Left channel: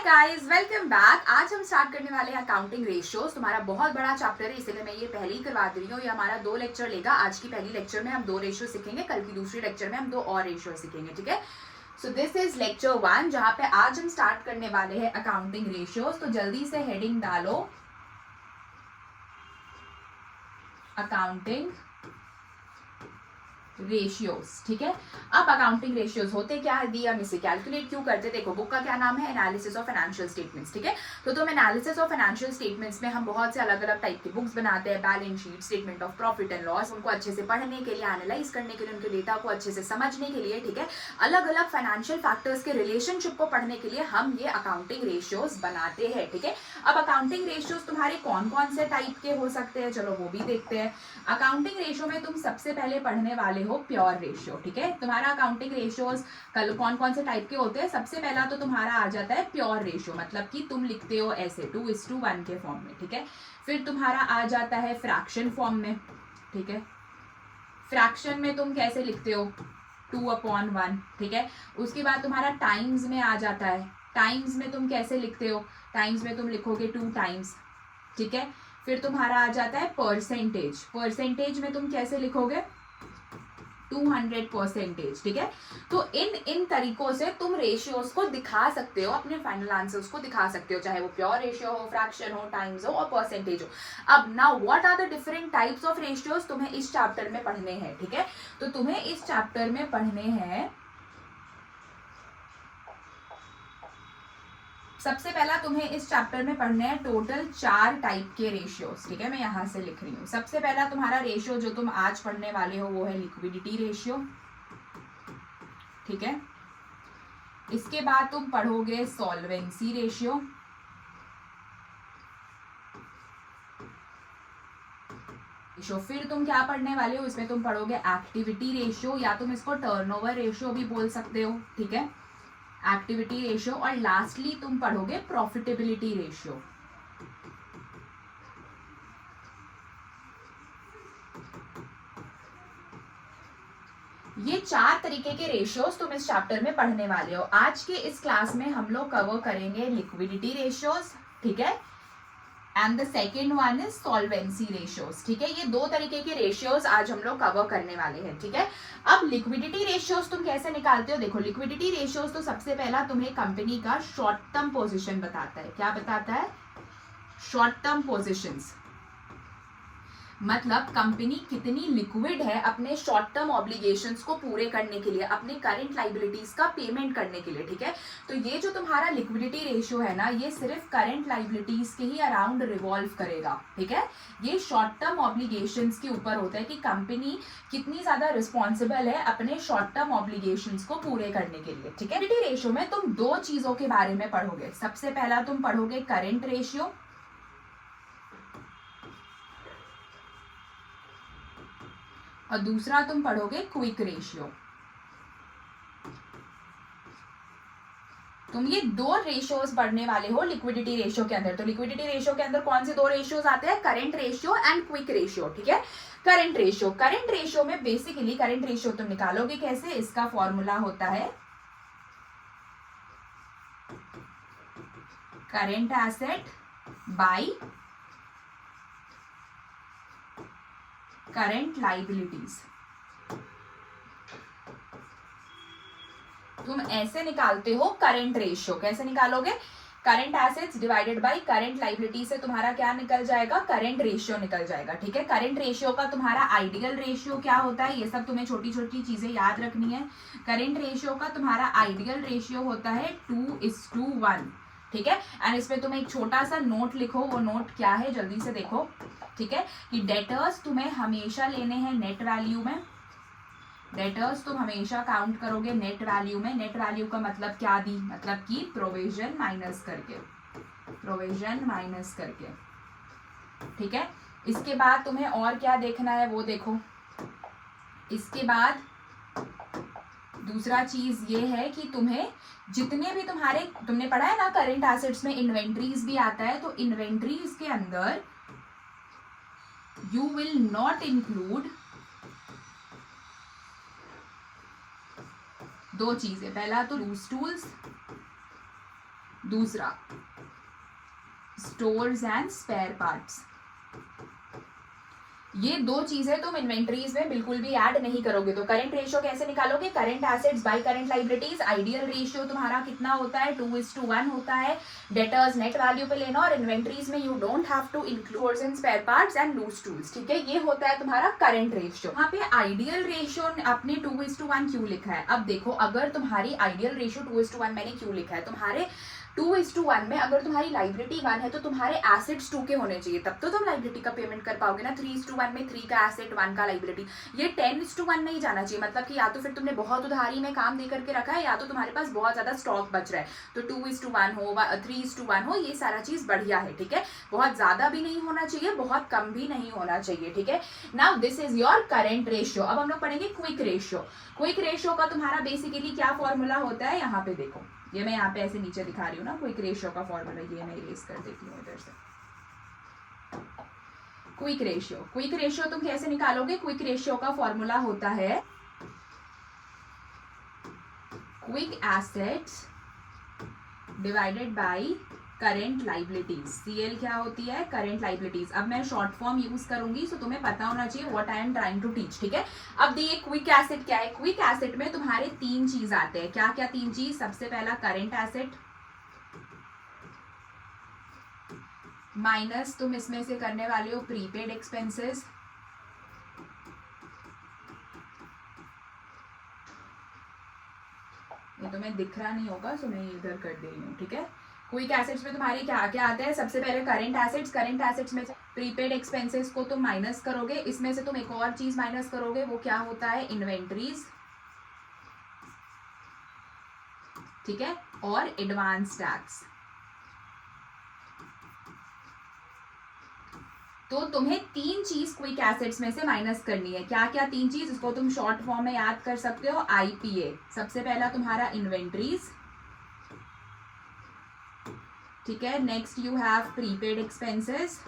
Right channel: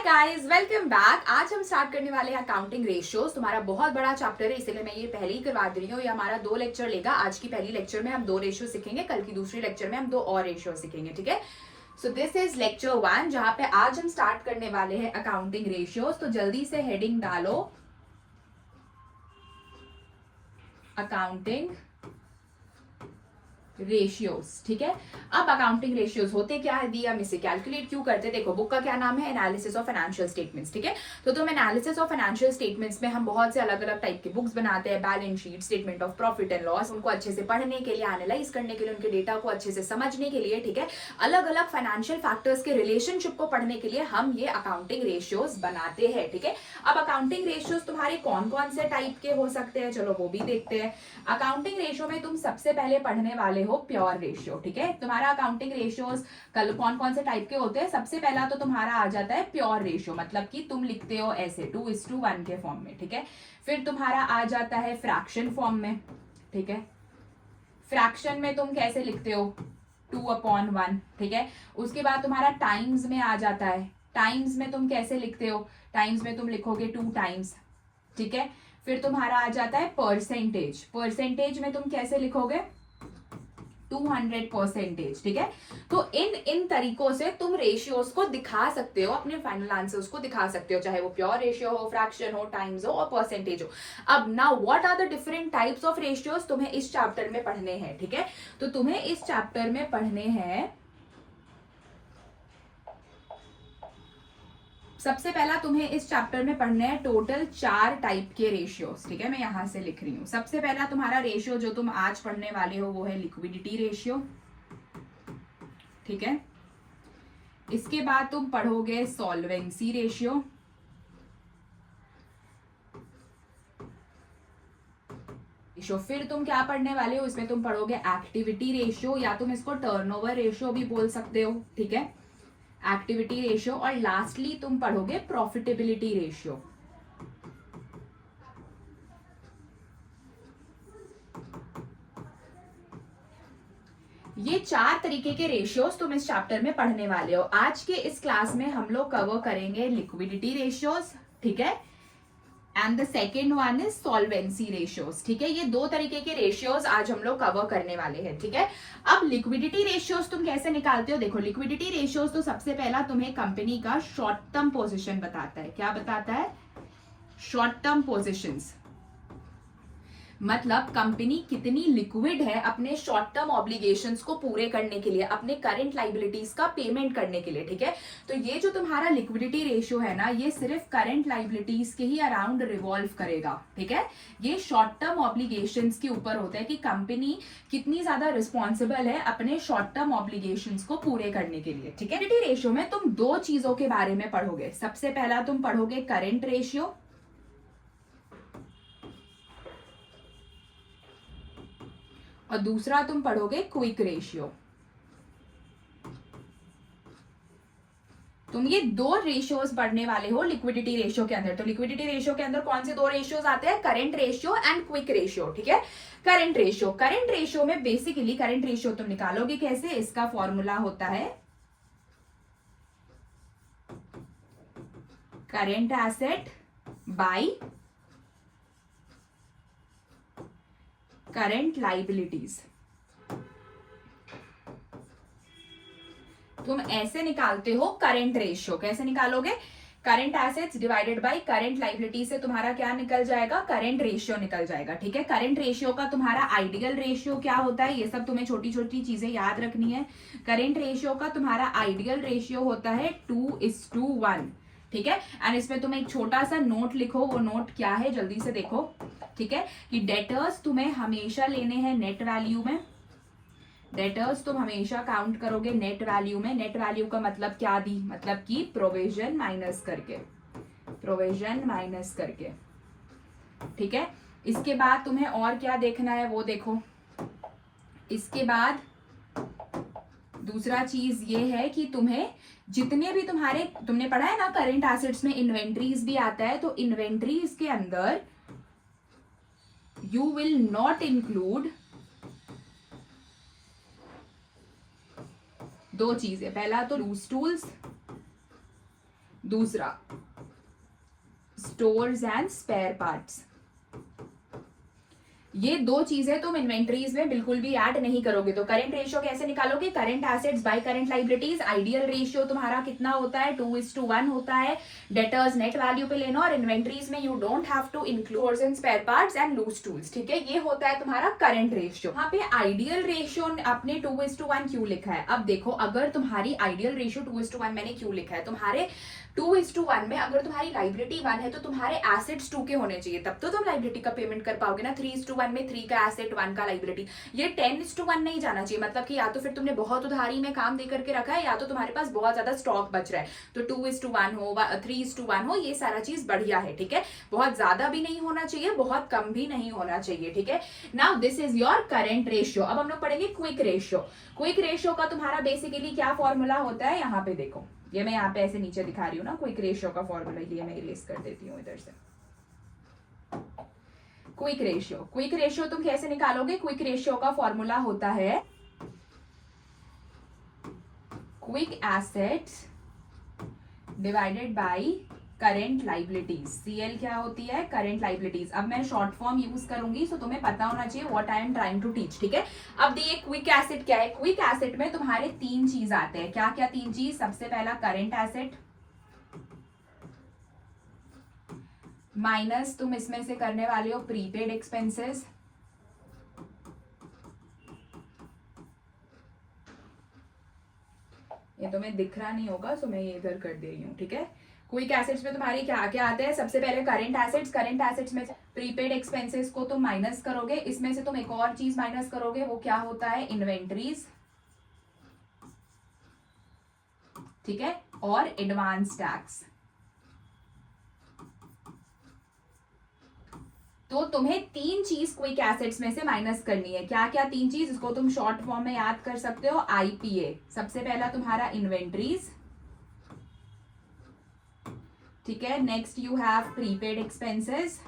Hi guys, welcome back. आज हम start करने वाले हैं अकाउंटिंग रेशियोज। तुम्हारा बहुत बड़ा चैप्टर है, इसीलिए मैं ये पहले ही करवा दे रही हूँ। ये हमारा 2 लेक्चर लेगा। आज की पहली लेक्चर में हम 2 रेशियो सीखेंगे, कल की दूसरी लेक्चर में हम 2 और रेशियो सीखेंगे, ठीक है। सो दिस इज लेक्चर 1, जहाँ पे आज हम स्टार्ट करने वाले हैं अकाउंटिंग रेशियोज। तो जल्दी से हेडिंग डालो, अकाउंटिंग रेशियोज, ठीक है। अब अकाउंटिंग रेशियोज होते क्या है, दी हम इसे कैलकुलेट क्यों करते हैं। देखो, बुक का क्या नाम है, एनालिसिस ऑफ फाइनेंशियल स्टेटमेंट्स, ठीक है। तो तुम एनालिसिस ऑफ फाइनेंशियल स्टेटमेंट्स में हम बहुत से अलग अलग टाइप के बुक्स बनाते हैं, balance sheet, statement of profit and loss, उनको अच्छे से पढ़ने के लिए, एनालाइज करने के लिए, उनके डेटा को अच्छे से समझने के लिए, ठीक है। अलग अलग फाइनेंशियल फैक्टर्स के रिलेशनशिप को पढ़ने के लिए हम ये अकाउंटिंग रेशियोज बनाते हैं, ठीक है। अब अकाउंटिंग रेशियोज तुम्हारे कौन कौन से टाइप के हो सकते हैं, चलो वो भी देखते हैं। अकाउंटिंग रेशियो में तुम सबसे पहले पढ़ने वाले हो प्योर रेशियो, ठीक है। तुम्हारा अकाउंटिंग रेशियोज कल कौन कौन से टाइप के होते हैं। सबसे पहला तो तुम्हारा आ जाता है प्योर रेशियो, मतलब कि तुम लिखते हो ऐसे 2:1 के फॉर्म में, ठीक है। फिर तुम्हारा आ जाता है फ्रैक्शन फॉर्म में, ठीक है। फ्रैक्शन में तुम कैसे लिखते हो, 2/1, ठीक है। उसके बाद तुम्हारा टाइम्स में आ जाता है। टाइम्स में तुम कैसे लिखते हो, टाइम्स में तुम लिखोगे 2 टाइम्स, ठीक है। फिर तुम्हारा आ जाता है परसेंटेज। परसेंटेज में तुम कैसे लिखोगे, 200%, ठीक है। तो इन तरीकों से तुम रेशियोज को दिखा सकते हो, अपने फाइनल आंसर्स को दिखा सकते हो, चाहे वो प्योर रेशियो हो, फ्रैक्शन हो, टाइम्स हो और परसेंटेज हो। अब now what are the different types of ratios, तुम्हें इस चैप्टर में पढ़ने हैं, ठीक है। तो तुम्हें इस चैप्टर में पढ़ने हैं, सबसे पहला तुम्हें इस चैप्टर में पढ़ने हैं टोटल 4 टाइप के रेशियोज, ठीक है। मैं यहां से लिख रही हूं। सबसे पहला तुम्हारा रेशियो जो तुम आज पढ़ने वाले हो वो है लिक्विडिटी रेशियो, ठीक है। इसके बाद तुम पढ़ोगे सॉल्वेंसी रेशियो, फिर तुम क्या पढ़ने वाले हो, इसमें तुम पढ़ोगे एक्टिविटी रेशियो, या तुम इसको टर्नओवर रेशियो भी बोल सकते हो, ठीक है। एक्टिविटी रेशियो, और लास्टली तुम पढ़ोगे प्रॉफिटेबिलिटी रेशियो। ये 4 तरीके के रेशियोज तुम इस चैप्टर में पढ़ने वाले हो। आज के इस क्लास में हम लोग कवर करेंगे लिक्विडिटी रेशियोज, ठीक है, and the second one is solvency ratios, ठीक है। ये 2 तरीके के रेशियोज आज हम लोग कवर करने वाले हैं, ठीक है। अब लिक्विडिटी रेशियोज तुम कैसे निकालते हो, देखो लिक्विडिटी रेशियोज तो सबसे पहला तुम्हें कंपनी का शॉर्ट टर्म पोजीशन बताता है। क्या बताता है, शॉर्ट टर्म पोजीशंस, मतलब कंपनी कितनी लिक्विड है अपने शॉर्ट टर्म ऑब्लिगेशंस को पूरे करने के लिए, अपने करंट लाइबिलिटीज का पेमेंट करने के लिए, ठीक है। तो ये जो तुम्हारा लिक्विडिटी रेशियो है ना, ये सिर्फ करंट लाइबिलिटीज के ही अराउंड रिवॉल्व करेगा, ठीक है। ये शॉर्ट टर्म ऑब्लिगेशंस के ऊपर होता है कि कंपनी कितनी ज्यादा रिस्पॉन्सिबल है अपने शॉर्ट टर्म ऑब्लिगेशंस को पूरे करने के लिए, ठीक है। लिक्विडिटी रेशियो में तुम 2 चीजों के बारे में पढ़ोगे। सबसे पहला तुम पढ़ोगे करंट रेशियो, और दूसरा तुम पढ़ोगे क्विक रेशियो। तुम ये 2 रेशियोज पढ़ने वाले हो लिक्विडिटी रेशियो के अंदर। तो लिक्विडिटी रेशियो के अंदर कौन से 2 रेशियोज आते हैं, current ratio and quick ratio, ठीक है। करंट रेशियो में बेसिकली करंट रेशियो तुम निकालोगे कैसे, इसका फॉर्मूला होता है current asset bye current liabilities. तुम ऐसे निकालते हो करंट रेशियो। कैसे निकालोगे, current assets divided by current liability से तुम्हारा क्या निकल जाएगा, करंट रेशियो निकल जाएगा, ठीक है। करंट रेशियो का तुम्हारा आइडियल रेशियो क्या होता है, ये सब तुम्हें छोटी छोटी चीजें याद रखनी है। करंट रेशियो का तुम्हारा आइडियल रेशियो होता है 2:1, ठीक है। एंड इसमें तुम एक छोटा सा नोट लिखो, वो नोट क्या है जल्दी से देखो, ठीक है, कि डेटर्स तुम्हें हमेशा लेने हैं नेट वैल्यू में। डेटर्स तुम हमेशा काउंट करोगे नेट वैल्यू में। नेट वैल्यू का मतलब क्या दी, मतलब कि प्रोविजन माइनस करके, प्रोविजन माइनस करके, ठीक है। इसके बाद तुम्हें और क्या देखना है वो देखो। इसके बाद दूसरा चीज ये है कि तुम्हें जितने भी तुम्हारे, तुमने पढ़ा है ना करंट एसेट्स में इन्वेंट्रीज भी आता है, तो इन्वेंट्रीज के अंदर यू विल नॉट इंक्लूड 2 चीजें। पहला तो लूज टूल्स, दूसरा स्टोर्स एंड स्पेयर पार्ट्स। ये दो चीजें तुम इन्वेंटरीज में बिल्कुल भी ऐड नहीं करोगे। तो करंट रेशियो कैसे निकालोगे? Current assets bye current liabilities. Ideal ratio तुम्हारा कितना होता है? 2:1 होता है। डेटर्स नेट वैल्यू पे लेना, और इन्वेंटरीज में you don't have to include in spare parts and loose tools, ठीक है। ये होता है तुम्हारा करंट रेशियो। यहाँ पे आइडियल रेशियो आपने 2:1 क्यों लिखा है? अब देखो, अगर तुम्हारी आइडियल रेशियो 2:1 मैंने क्यों लिखा है, तुम्हारे 2:1 में अगर तुम्हारी लाइबिलिटी 1 है तो तुम्हारे एसेट्स 2 के होने चाहिए, तब तो तुम लाइबिलिटी का पेमेंट कर पाओगे ना। 3:1 में 3 का एसेट 1 का लाइबिलिटी। ये 10:1 नहीं जाना चाहिए, मतलब कि या तो फिर तुमने बहुत उधारी में काम दे करके रखा है, या तो तुम्हारे पास बहुत ज्यादा स्टॉक बच रहा है। तो 2:1 हो 3:1 हो, ये सारा चीज बढ़िया है, ठीक है। बहुत ज्यादा भी नहीं होना चाहिए, बहुत कम भी नहीं होना चाहिए, ठीक है। Now this is your current ratio. अब हम लोग पढ़ेंगे क्विक रेशियो। क्विक रेशियो का तुम्हारा बेसिकली क्या फॉर्मूला होता है? यहाँ पे देखो, ये मैं यहाँ पे ऐसे नीचे दिखा रही हूँ ना क्विक रेशियो का फॉर्मूला, ये मैं इरेज कर देती हूँ इधर से। क्विक रेशियो तुम कैसे निकालोगे? क्विक रेशियो का फॉर्मूला होता है quick assets divided by current liabilities. CL क्या होती है? Current liabilities. अब मैं शॉर्ट फॉर्म यूज करूंगी, सो तुम्हें पता होना चाहिए what I am trying to teach, ठीक है। अब ये क्विक एसेट क्या है? क्विक एसेट में तुम्हारे 3 चीज आते हैं। क्या क्या 3 चीज? सबसे पहला करंट एसेट, माइनस तुम इसमें से करने वाले हो प्रीपेड एक्सपेंसेस, ये तुम्हें दिख रहा नहीं होगा, सो मैं ये इधर कर दे रही हूँ, ठीक है। क्विक एसेट्स में तुम्हारे क्या क्या आते हैं? सबसे पहले करंट एसेट्स में प्रीपेड एक्सपेंसेस को तुम माइनस करोगे, इसमें से तुम एक और चीज माइनस करोगे, वो क्या होता है? इन्वेंटरीज, ठीक है, और एडवांस टैक्स। तो तुम्हें 3 चीज क्विक एसेट्स में से माइनस करनी है। क्या क्या 3 चीज? इसको तुम शॉर्ट फॉर्म में याद कर सकते हो, आईपीए। सबसे पहला तुम्हारा इन्वेंटरीज, ठीक है। Next you have prepaid expenses,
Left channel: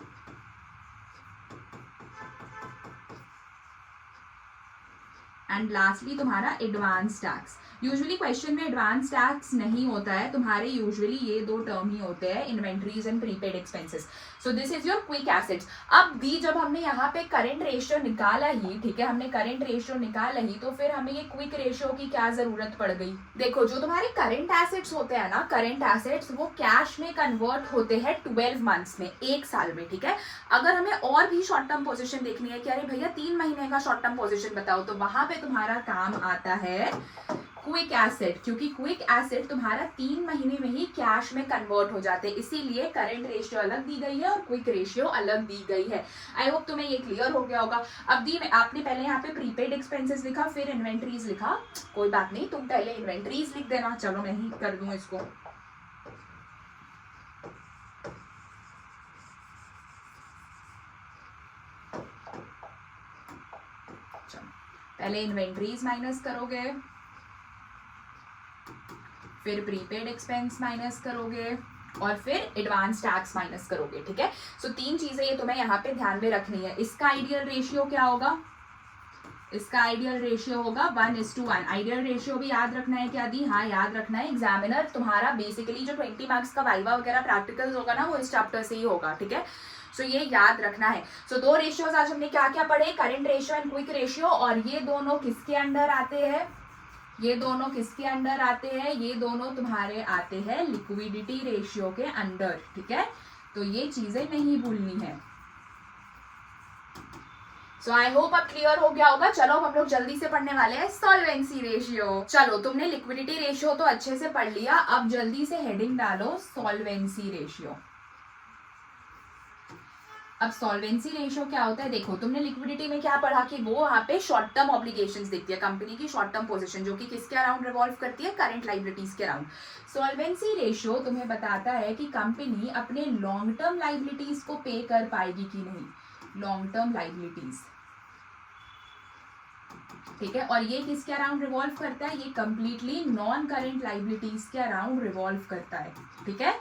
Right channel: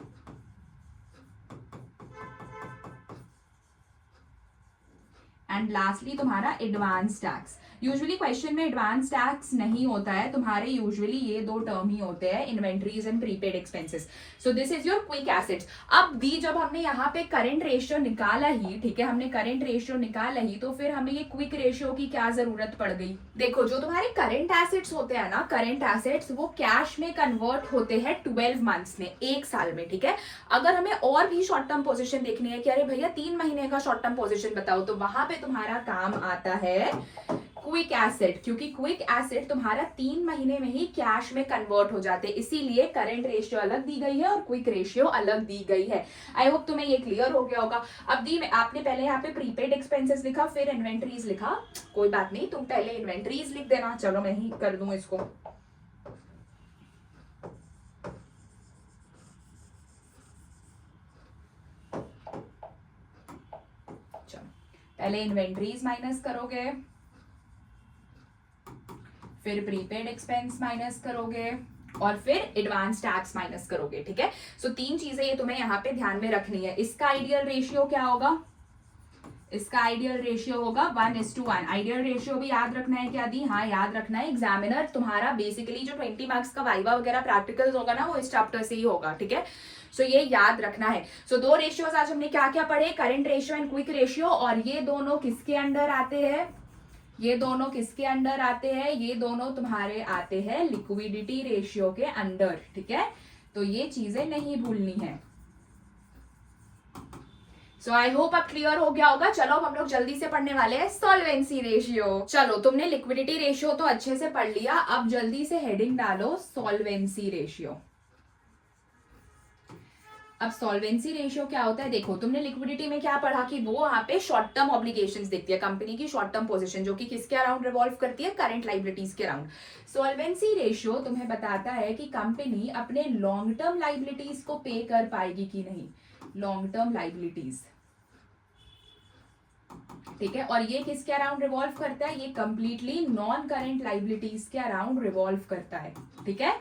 and lastly तुम्हारा एडवांस टैक्स। यूजुअली क्वेश्चन में एडवांस टैक्स नहीं होता है तुम्हारे, यूजुअली ये 2 टर्म ही होते हैं, inventories and prepaid expenses. So this is your quick assets. अब भी जब हमने यहाँ पे करंट रेशियो निकाला ही, ठीक है, हमने करंट रेशियो निकाला ही, तो फिर हमें ये क्विक रेशियो की क्या जरूरत पड़ गई? देखो, जो तुम्हारे करंट एसेट्स होते हैं ना, करंट एसेट्स वो कैश में कन्वर्ट होते हैं 12 मंथ्स में, 1 साल में, ठीक है। अगर हमें और भी शॉर्ट टर्म पोजीशन देखनी है कि अरे भैया 3 महीने का शॉर्ट टर्म पोजीशन बताओ, तो वहां पे तुम्हारा काम आता है क्विक एसेट, क्योंकि क्विक एसेट तुम्हारा 3 महीने में ही कैश में कन्वर्ट हो जाते हैं, इसीलिए करंट रेशियो अलग दी गई है और क्विक रेशियो अलग दी गई है। आई होप तुम्हें ये क्लियर हो गया होगा। अब दी आपने पहले यहाँ पे प्रीपेड एक्सपेंसेस लिखा, फिर इन्वेंटरीज लिखा, कोई बात नहीं, तुम पहले इन्वेंटरीज लिख देना। चलो मैं ही कर दूं इसको। चलो पहले इन्वेंटरीज माइनस करोगे, फिर प्रीपेड एक्सपेंस माइनस करोगे, और फिर एडवांस टैक्स माइनस करोगे, ठीक है। सो 3 चीजें ये तुम्हें यहाँ पे ध्यान में रखनी है। इसका आइडियल रेशियो क्या होगा? इसका आइडियल रेशियो होगा 1:1। आइडियल रेशियो भी याद रखना है क्या दी? हाँ, याद रखना है। एग्जामिनर तुम्हारा बेसिकली जो 20 मार्क्स का वाइवा वगैरह प्रैक्टिकल्स होगा ना, वो इस चैप्टर से ही होगा, ठीक है। सो ये याद रखना है। सो 2 रेशियोज आज हमने क्या क्या पढ़े? Current ratio and quick ratio. और ये दोनों किसके अंडर आते हैं? ये दोनों किसके अंडर आते हैं? ये दोनों तुम्हारे आते हैं लिक्विडिटी रेशियो के अंडर, ठीक है। तो ये चीजें नहीं भूलनी है। सो आई होप अब क्लियर हो गया होगा। चलो हम लोग जल्दी से पढ़ने वाले हैं सॉल्वेंसी रेशियो। चलो तुमने लिक्विडिटी रेशियो तो अच्छे से पढ़ लिया, अब जल्दी से हेडिंग डालो सॉल्वेंसी रेशियो। अब सॉल्वेंसी रेशियो क्या होता है? देखो, तुमने लिक्विडिटी में क्या पढ़ा कि वो वहां पे शॉर्ट टर्म ऑब्लिगेशंस देखती है, कंपनी की शॉर्ट टर्म पोजीशन, जो कि किसके अराउंड रिवॉल्व करती है? करंट लाइबिलिटीज के अराउंड। सॉल्वेंसी रेशियो तुम्हें बताता है कि कंपनी अपने लॉन्ग टर्म लाइबिलिटीज को पे कर पाएगी कि नहीं। लॉन्ग टर्म लाइबिलिटीज, ठीक है। और ये किसके अराउंड रिवॉल्व करता है? ये कंप्लीटली नॉन करंट लाइबिलिटीज के अराउंड रिवॉल्व करता है, ठीक है।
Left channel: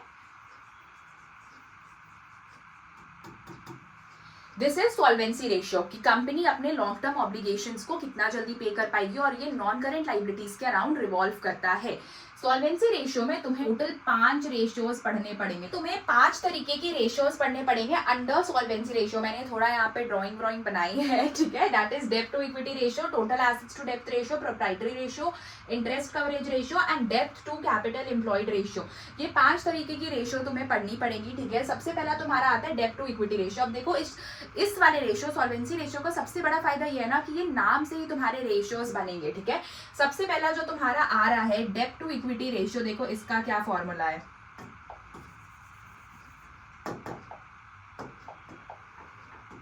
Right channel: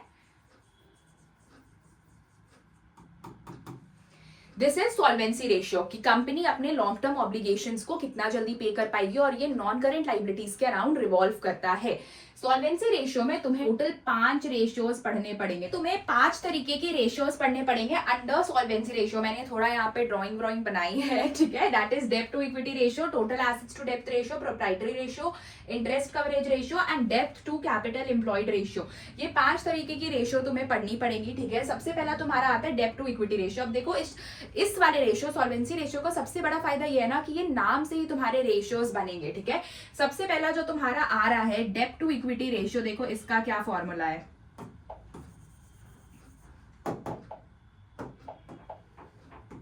दिस इज सॉल्वेंसी रेशियो कि कंपनी अपने लॉन्ग टर्म ऑब्लिगेशंस को कितना जल्दी पे कर पाएगी, और ये नॉन करंट लाइबिलिटीज के अराउंड रिवॉल्व करता है। सॉल्वेंसी रेशियो में तुम्हें टोटल 5 रेशियोज पढ़ने पड़ेंगे, तुम्हें 5 तरीके की रेशियोज पढ़ने पड़ेंगे अंडर सॉल्वेंसी रेशियो। मैंने थोड़ा यहाँ पे ड्राइंग बनाई है, ठीक है। दैट इज डेब्ट to equity ratio, total assets to डेब्ट ratio, proprietary ratio, interest coverage ratio and डेब्ट टू कैपिटल एम्प्लॉयड रेशियो। ये 5 तरीके की रेशियो तुम्हें पढ़नी पड़ेगी, ठीक है। सबसे पहला तुम्हारा आता है डेब्ट टू इक्विटी रेशियो। अब देखो इस वाले रेशियो सॉल्वेंसी रेशियो का सबसे बड़ा फायदा ये है ना कि ये नाम से ही तुम्हारे रेशियोज बनेंगे, ठीक है। सबसे पहला जो तुम्हारा आ रहा है डेब्ट टू इक्विटी रेशियो, देखो इसका क्या फॉर्मूला है।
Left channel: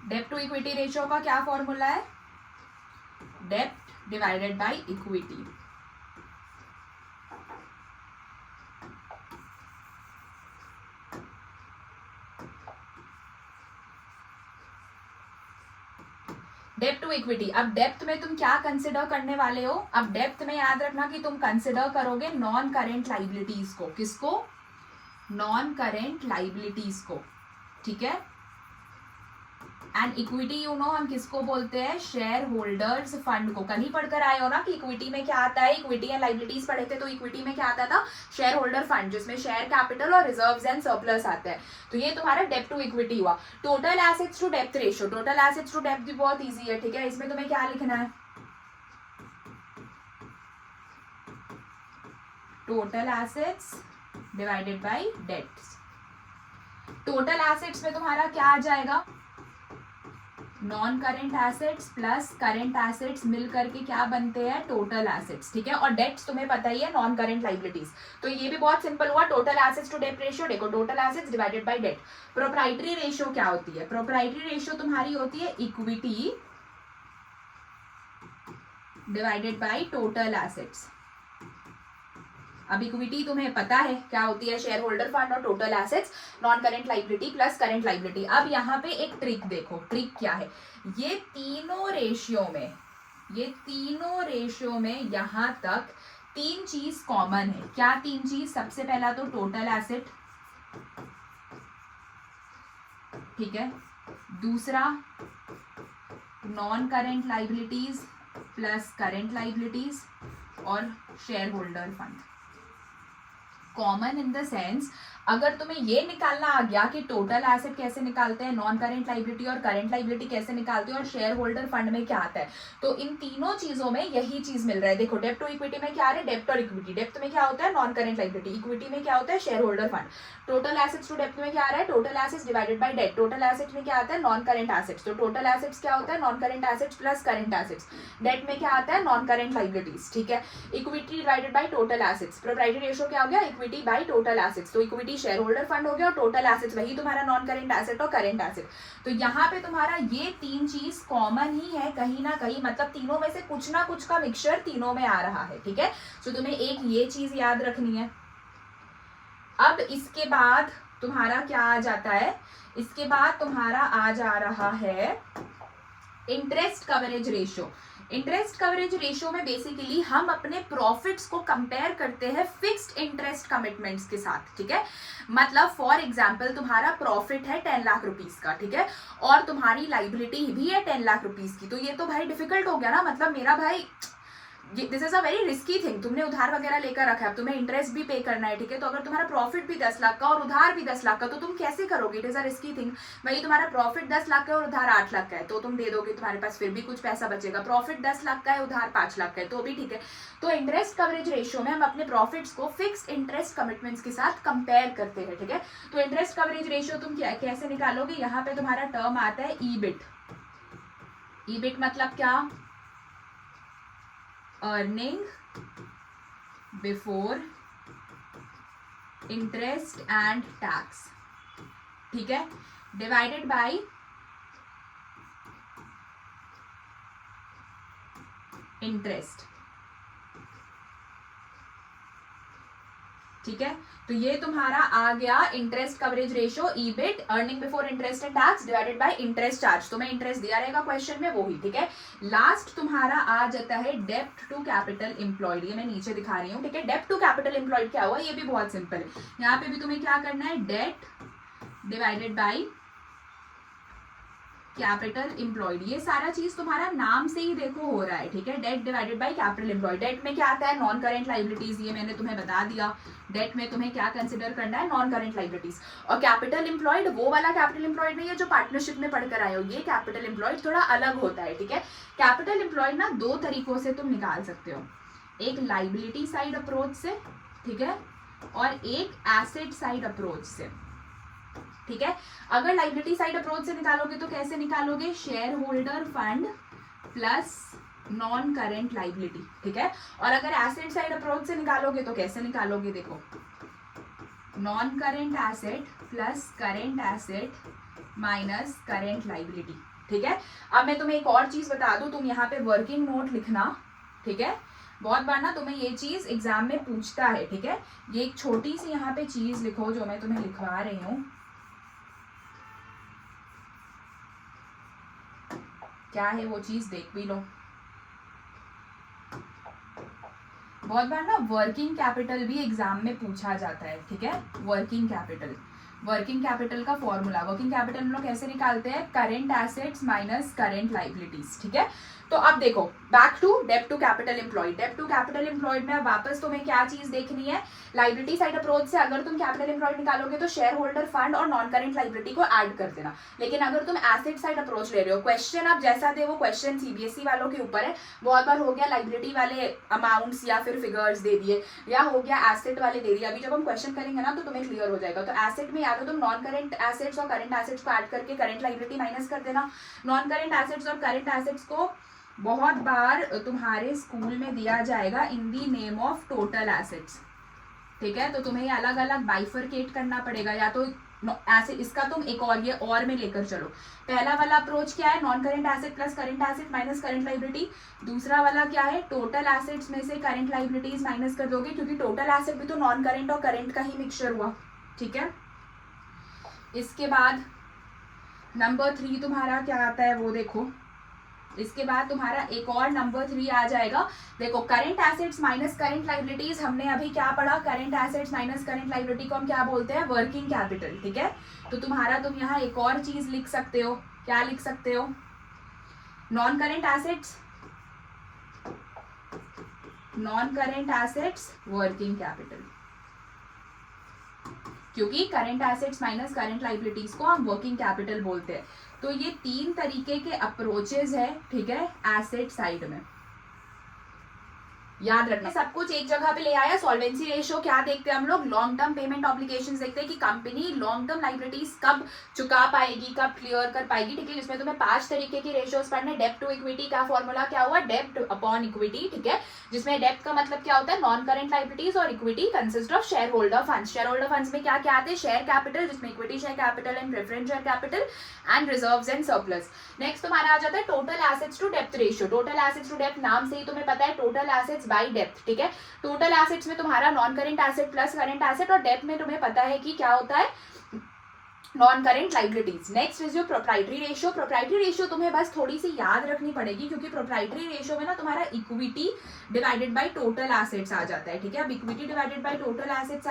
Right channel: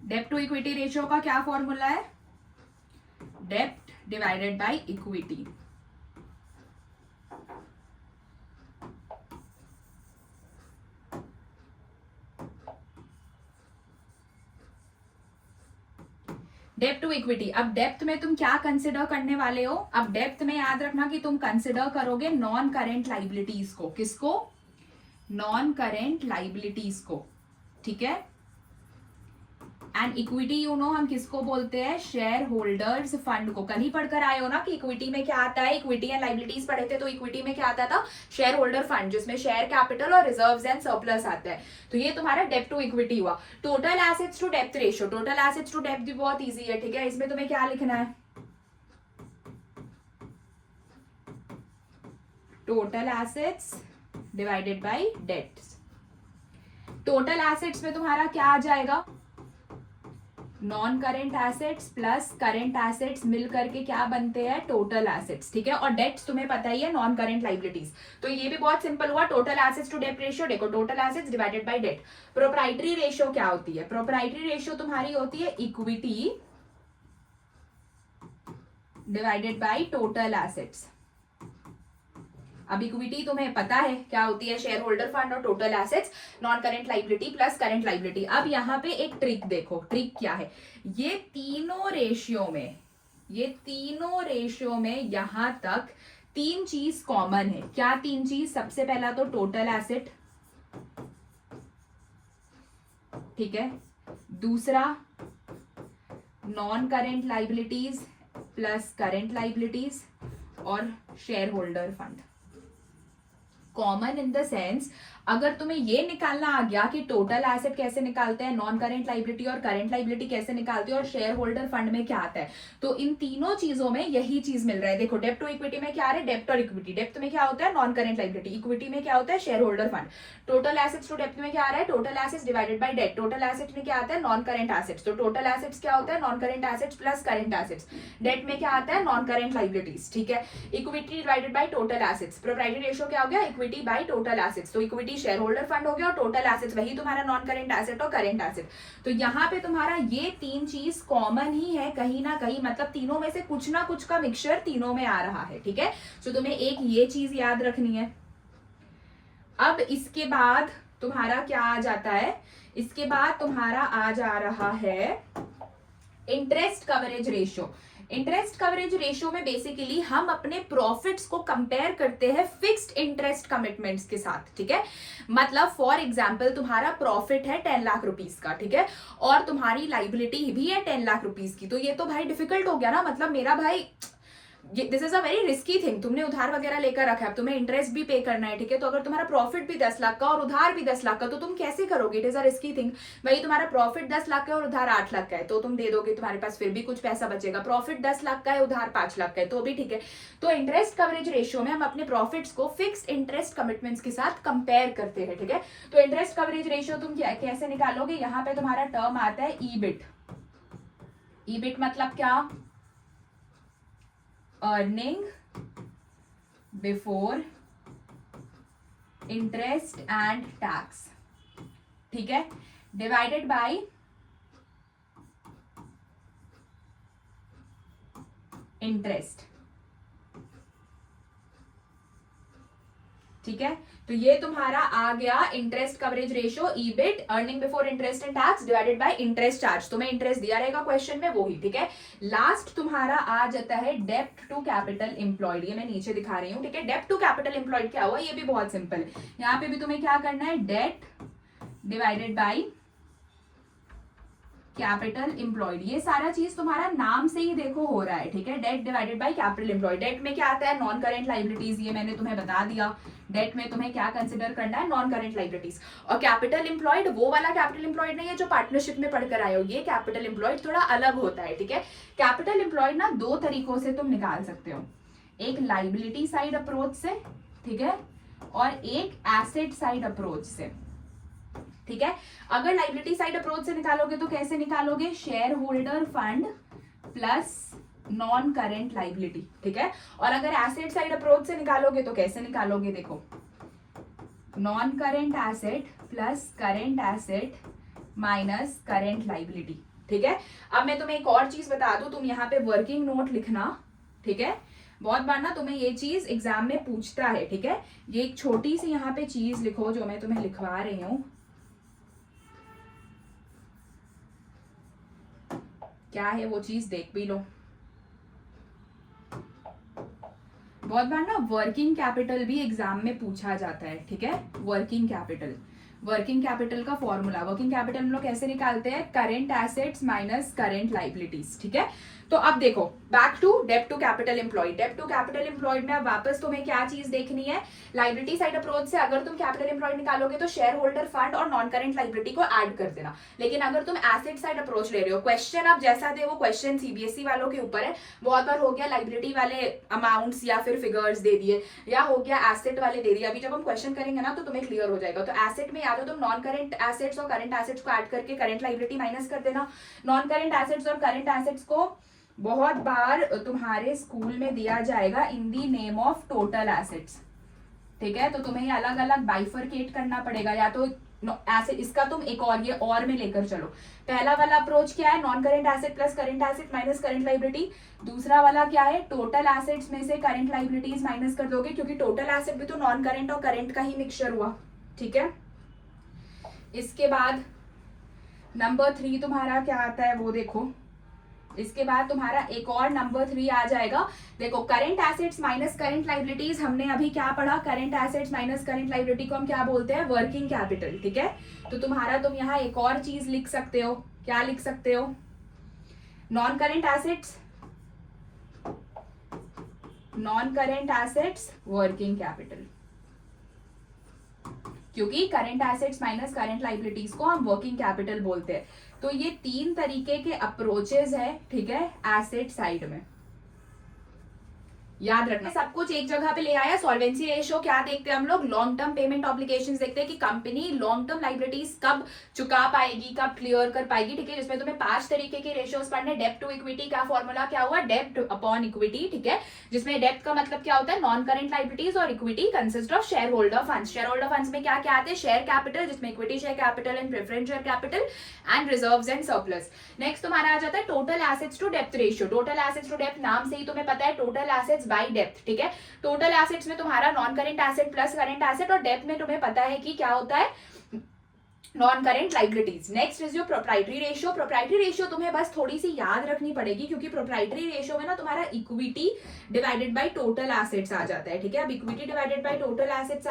डेब्ट टू इक्विटी रेशियो का क्या फॉर्मूला है? डेब्ट डिवाइडेड बाय इक्विटी। डेप्थ टू इक्विटी। अब डेप्थ में तुम क्या कंसिडर करने वाले हो? अब डेप्थ में याद रखना कि तुम कंसिडर करोगे नॉन करेंट लाइबिलिटीज को। किसको? नॉन करेंट लाइबिलिटीज को, ठीक है। एंड इक्विटी यू नो हम किसको बोलते हैं? शेयर होल्डर्स फंड को। कल ही पढ़कर आए हो ना कि इक्विटी में क्या आता है, इक्विटी एंड लाइबिलिटीज पढ़े थे, तो इक्विटी में क्या आता था? शेयर होल्डर फंड, जिसमें शेयर कैपिटल और रिजर्व्स एंड सरप्लस आता है। तो ये तुम्हारा डेब्ट टू इक्विटी हुआ। टोटल एसेट्स टू डेब्ट रेशियो, टोटल एसेट्स टू डेब्ट भी बहुत ईजी है, ठीक है। इसमें तुम्हें क्या लिखना है? Total assets divided by debts. Total assets में तुम्हारा क्या आ जाएगा? Non current assets plus current assets मिल करके क्या बनते हैं? टोटल एसेट्स, ठीक है। और डेट्स तुम्हें पता ही है नॉन करेंट लाइबिलिटीज। तो ये भी बहुत सिंपल हुआ। Total assets to debt ratio, देखो total assets divided by debt. Proprietary ratio क्या होती है? प्रोप्राइटरी रेशियो तुम्हारी होती है equity divided by total assets. अब इक्विटी तुम्हें पता है क्या होती है? Share holder fund. और total assets non current liability plus current liability. अब यहाँ पे एक ट्रिक देखो, ट्रिक क्या है? ये तीनों रेशियो में यहाँ तक 3 चीज कॉमन है। क्या 3 चीज? सबसे पहला तो टोटल एसेट, ठीक है। दूसरा non current liabilities plus current liabilities और share holder fund. Common in the sense, अगर तुम्हें ये निकालना आ गया कि टोटल एसेट कैसे निकालते हैं, नॉन करेंट लाइबिलिटी और करेंट लाइबिलिटी कैसे निकालते हैं, और शेयर होल्डर फंड में क्या आता है, तो इन तीनों चीजों में यही चीज मिल रहा है। देखो डेब्ट टू इक्विटी में क्या आ रहा है? डेब्ट और इक्विटी। डेब्ट में क्या होता है? Non current liability. इक्विटी में क्या होता है? Share holder fund. Total assets to डेब्ट में क्या आ रहा है? Total assets divided by debt. Total assets में क्या आता है? Non current assets. तो टोटल एसेट्स क्या होता है? Non current assets plus current assets. Debt में क्या आता है? नॉन करेंट लाइबिलिटीज, ठीक है। Equity divided by total assets. Proprietary ratio क्या हो गया? Equity by total assets. तो इक्विटी शेयर होल्डर फंड हो गया और टोटल एसेट्स वही तुम्हारा नॉन करेंट एसेट और करेंट एसेट। तो यहाँ पे तुम्हारा ये 3 चीज कॉमन ही है कहीं ना कहीं, मतलब तीनों में से कुछ ना कुछ का मिक्सचर तीनों में आ रहा है, ठीक है। तो तुम्हें एक ये चीज याद रखनी है। अब इसके बाद तुम्हारा क्या आ जाता है? इसके बाद तुम्हारा आ जा रहा है interest coverage ratio. Interest coverage ratio में बेसिकली हम अपने प्रॉफिट्स को कंपेयर करते हैं फिक्स्ड इंटरेस्ट कमिटमेंट्स के साथ, ठीक है। मतलब फॉर एग्जांपल तुम्हारा प्रॉफिट है 10 लाख रुपीस का, ठीक है, और तुम्हारी लाइबिलिटी भी है 10 लाख रुपीस की। तो ये तो भाई डिफिकल्ट हो गया ना, मतलब मेरा भाई this is a very risky thing. तुमने उधार वगैरह लेकर रखा है, तुम्हें इंटरेस्ट भी पे करना है, ठीक है। तो अगर तुम्हारा प्रॉफिट भी 10 लाख का और उधार भी 10 लाख का, तो तुम कैसे करोगे? It is a risky thing. भाई तुम्हारा प्रॉफिट 10 लाख का और उधार 8 लाख का है, तो तुम दे दोगे, तुम्हारे पास फिर भी कुछ पैसा बचेगा। प्रॉफिट 10 लाख का है, उधार 5 लाख का है, तो भी ठीक है। तो इंटरेस्ट कवरेज रेशियो में हम अपने प्रॉफिट्स को फिक्स्ड इंटरेस्ट कमिटमेंट्स के साथ कंपेयर करते हैं, ठीक है। तो इंटरेस्ट कवरेज रेशियो तुम क्या कैसे निकालोगे? यहाँ पे तुम्हारा टर्म आता है ईबिट। ईबिट मतलब क्या? Earning before interest and tax, ठीक है, डिवाइडेड बाय इंटरेस्ट, ठीक है। तो ये तुम्हारा आ गया interest coverage ratio, EBIT, earning before interest and tax divided by interest charge. तो मैं इंटरेस्ट दिया रहेगा क्वेश्चन में, वो ही, ठीक है। लास्ट तुम्हारा आ जाता है डेब्ट टू कैपिटल एम्प्लॉयड। ये मैं नीचे दिखा रही हूँ, ठीक है। डेब्ट टू कैपिटल एम्प्लॉयड क्या हुआ? ये भी बहुत सिंपल है। यहाँ पे भी तुम्हें क्या करना है? Debt divided by capital employed, ये सारा चीज तुम्हारा नाम से ही देखो हो रहा है, ठीक है। Debt divided by capital employed, debt में क्या आता है, नॉन करेंट लाइबिलिटीज, ये मैंने तुम्हें बता दिया। डेट में तुम्हें क्या कंसिडर करना है, नॉन करेंट लाइबिलिटीज। और कैपिटल एम्प्लॉयड वो वाला कैपिटल एम्प्लॉयड नहीं है जो पार्टनरशिप में पढ़कर आए हो, ये कैपिटल एम्प्लॉयड थोड़ा अलग होता है, ठीक है। कैपिटल एम्प्लॉयड ना दो तरीकों से तुम निकाल सकते हो, एक लाइबिलिटी साइड अप्रोच से, ठीक है, और एक एसेट साइड अप्रोच से, ठीक है। अगर लाइबिलिटी साइड अप्रोच से निकालोगे तो कैसे निकालोगे, share holder fund plus non current liability, ठीक है। और अगर एसेट साइड अप्रोच से निकालोगे तो कैसे निकालोगे, देखो, non current asset plus current asset minus current liability, ठीक है। अब मैं तुम्हें एक और चीज बता दूं, तुम यहाँ पे वर्किंग नोट लिखना, ठीक है। बहुत बार ना तुम्हें ये चीज एग्जाम में पूछता है, ठीक है। ये एक छोटी सी यहाँ पे चीज लिखो जो मैं तुम्हें लिखवा रही हूँ, क्या है वो चीज देख भी लो। बहुत बार ना वर्किंग कैपिटल भी एग्जाम में पूछा जाता है, ठीक है। वर्किंग कैपिटल का फॉर्मूला, वर्किंग कैपिटल हम लोग कैसे निकालते हैं, current assets minus current liabilities, ठीक है। तो अब देखो, बैक टू डेब्ट टू कैपिटल एम्प्लॉयड, डेब्ट टू कैपिटल एम्प्लॉयड में अब वापस तुम्हें क्या चीज देखनी है, लाइबिलिटी साइड अप्रोच से अगर तुम कैपिटल एम्प्लॉयड निकालोगे तो शेयर होल्डर फंड और नॉन करेंट लाइबिलिटी को ऐड कर देना। लेकिन अगर तुम एसेट साइड अप्रोच ले रहे हो, क्वेश्चन अब जैसा दे वो क्वेश्चन सीबीएसई वालों के ऊपर है। बहुत बार हो गया लाइबिलिटी वाले अमाउंट्स या फिर फिगर्स दे दिए, या हो गया एसेट वाले दे दिए। अभी जब हम क्वेश्चन करेंगे ना तो तुम्हें क्लियर हो जाएगा। तो एसेट में या तो तुम नॉन करेंट एसेट्स और करेंट एसेट्स को ऐड करके करेंट लाइबिलिटी माइनस कर देना। नॉन करेंट एसेट्स और करेंट एसेट्स को बहुत बार तुम्हारे स्कूल में दिया जाएगा in the name of total assets, ठीक है। तो तुम्हें ये अलग अलग बाइफरकेट करना पड़ेगा, या तो ऐसे इसका तुम एक और ये और में लेकर चलो। पहला वाला अप्रोच क्या है, non current asset plus current asset minus current liability. दूसरा वाला क्या है, टोटल एसेट्स में से करेंट लाइबिलिटीज माइनस कर दोगे, क्योंकि टोटल एसेट भी तो नॉन करेंट और करेंट का ही मिक्सचर हुआ, ठीक है। इसके बाद नंबर 3 तुम्हारा क्या आता है वो देखो। इसके बाद तुम्हारा एक और नंबर 3 आ जाएगा, देखो, current assets minus current liabilities. हमने अभी क्या पढ़ा, current assets minus current liability को हम क्या बोलते हैं, वर्किंग कैपिटल, ठीक है। तो तुम्हारा तुम यहाँ एक और चीज लिख सकते हो, क्या लिख सकते हो, non current assets working capital, क्योंकि current assets minus current liabilities को हम वर्किंग कैपिटल बोलते हैं। तो ये 3 तरीके के अप्रोचेज है, ठीक है, एसेट साइड में, याद रखना। सब कुछ एक जगह पे ले आया। सॉल्वेंसी रेशियो क्या देखते हैं हम लोग, लॉन्ग टर्म पेमेंट ऑब्लिगेशंस देखते हैं कि कंपनी लॉन्ग टर्म लाइबिलिटीज कब चुका पाएगी, कब क्लियर कर पाएगी, ठीक है। जिसमें तुम्हें 5 तरीके के रेशियोज पढ़ने। डेब्ट टू इक्विटी का फॉर्मूला क्या हुआ, डेब्ट अपॉन इक्विटी, ठीक है। जिसमें डेब्ट का मतलब क्या होता है, नॉन करेंट लाइबिलिटीज, और equity consist of share holder funds. Share holder funds में क्या क्या आते हैं, शेयर कैपिटल, जिसमें equity share capital and preference share capital and reserves and surplus. Next तुम्हारा आ जाता है टोटल एसेट्स टू डेब्ट रेशियो। टोटल एसेट्स टू डेब्ट नाम से ही तुम्हें पता है, टोटल एसेट्स बाय डेब्ट, ठीक है। टोटल एसेट्स में तुम्हारा non current asset plus current asset, और डेब्ट में तुम्हें पता है कि क्या होता है, non current liabilities. Next is your proprietary ratio. Proprietary ratio तुम्हें बस थोड़ी सी याद रखनी पड़ेगी, क्योंकि प्रोप्राइटरी रेशियो में ना तुम्हारा equity divided by total assets आ जाता है, ठीक है। अब equity divided by total assets,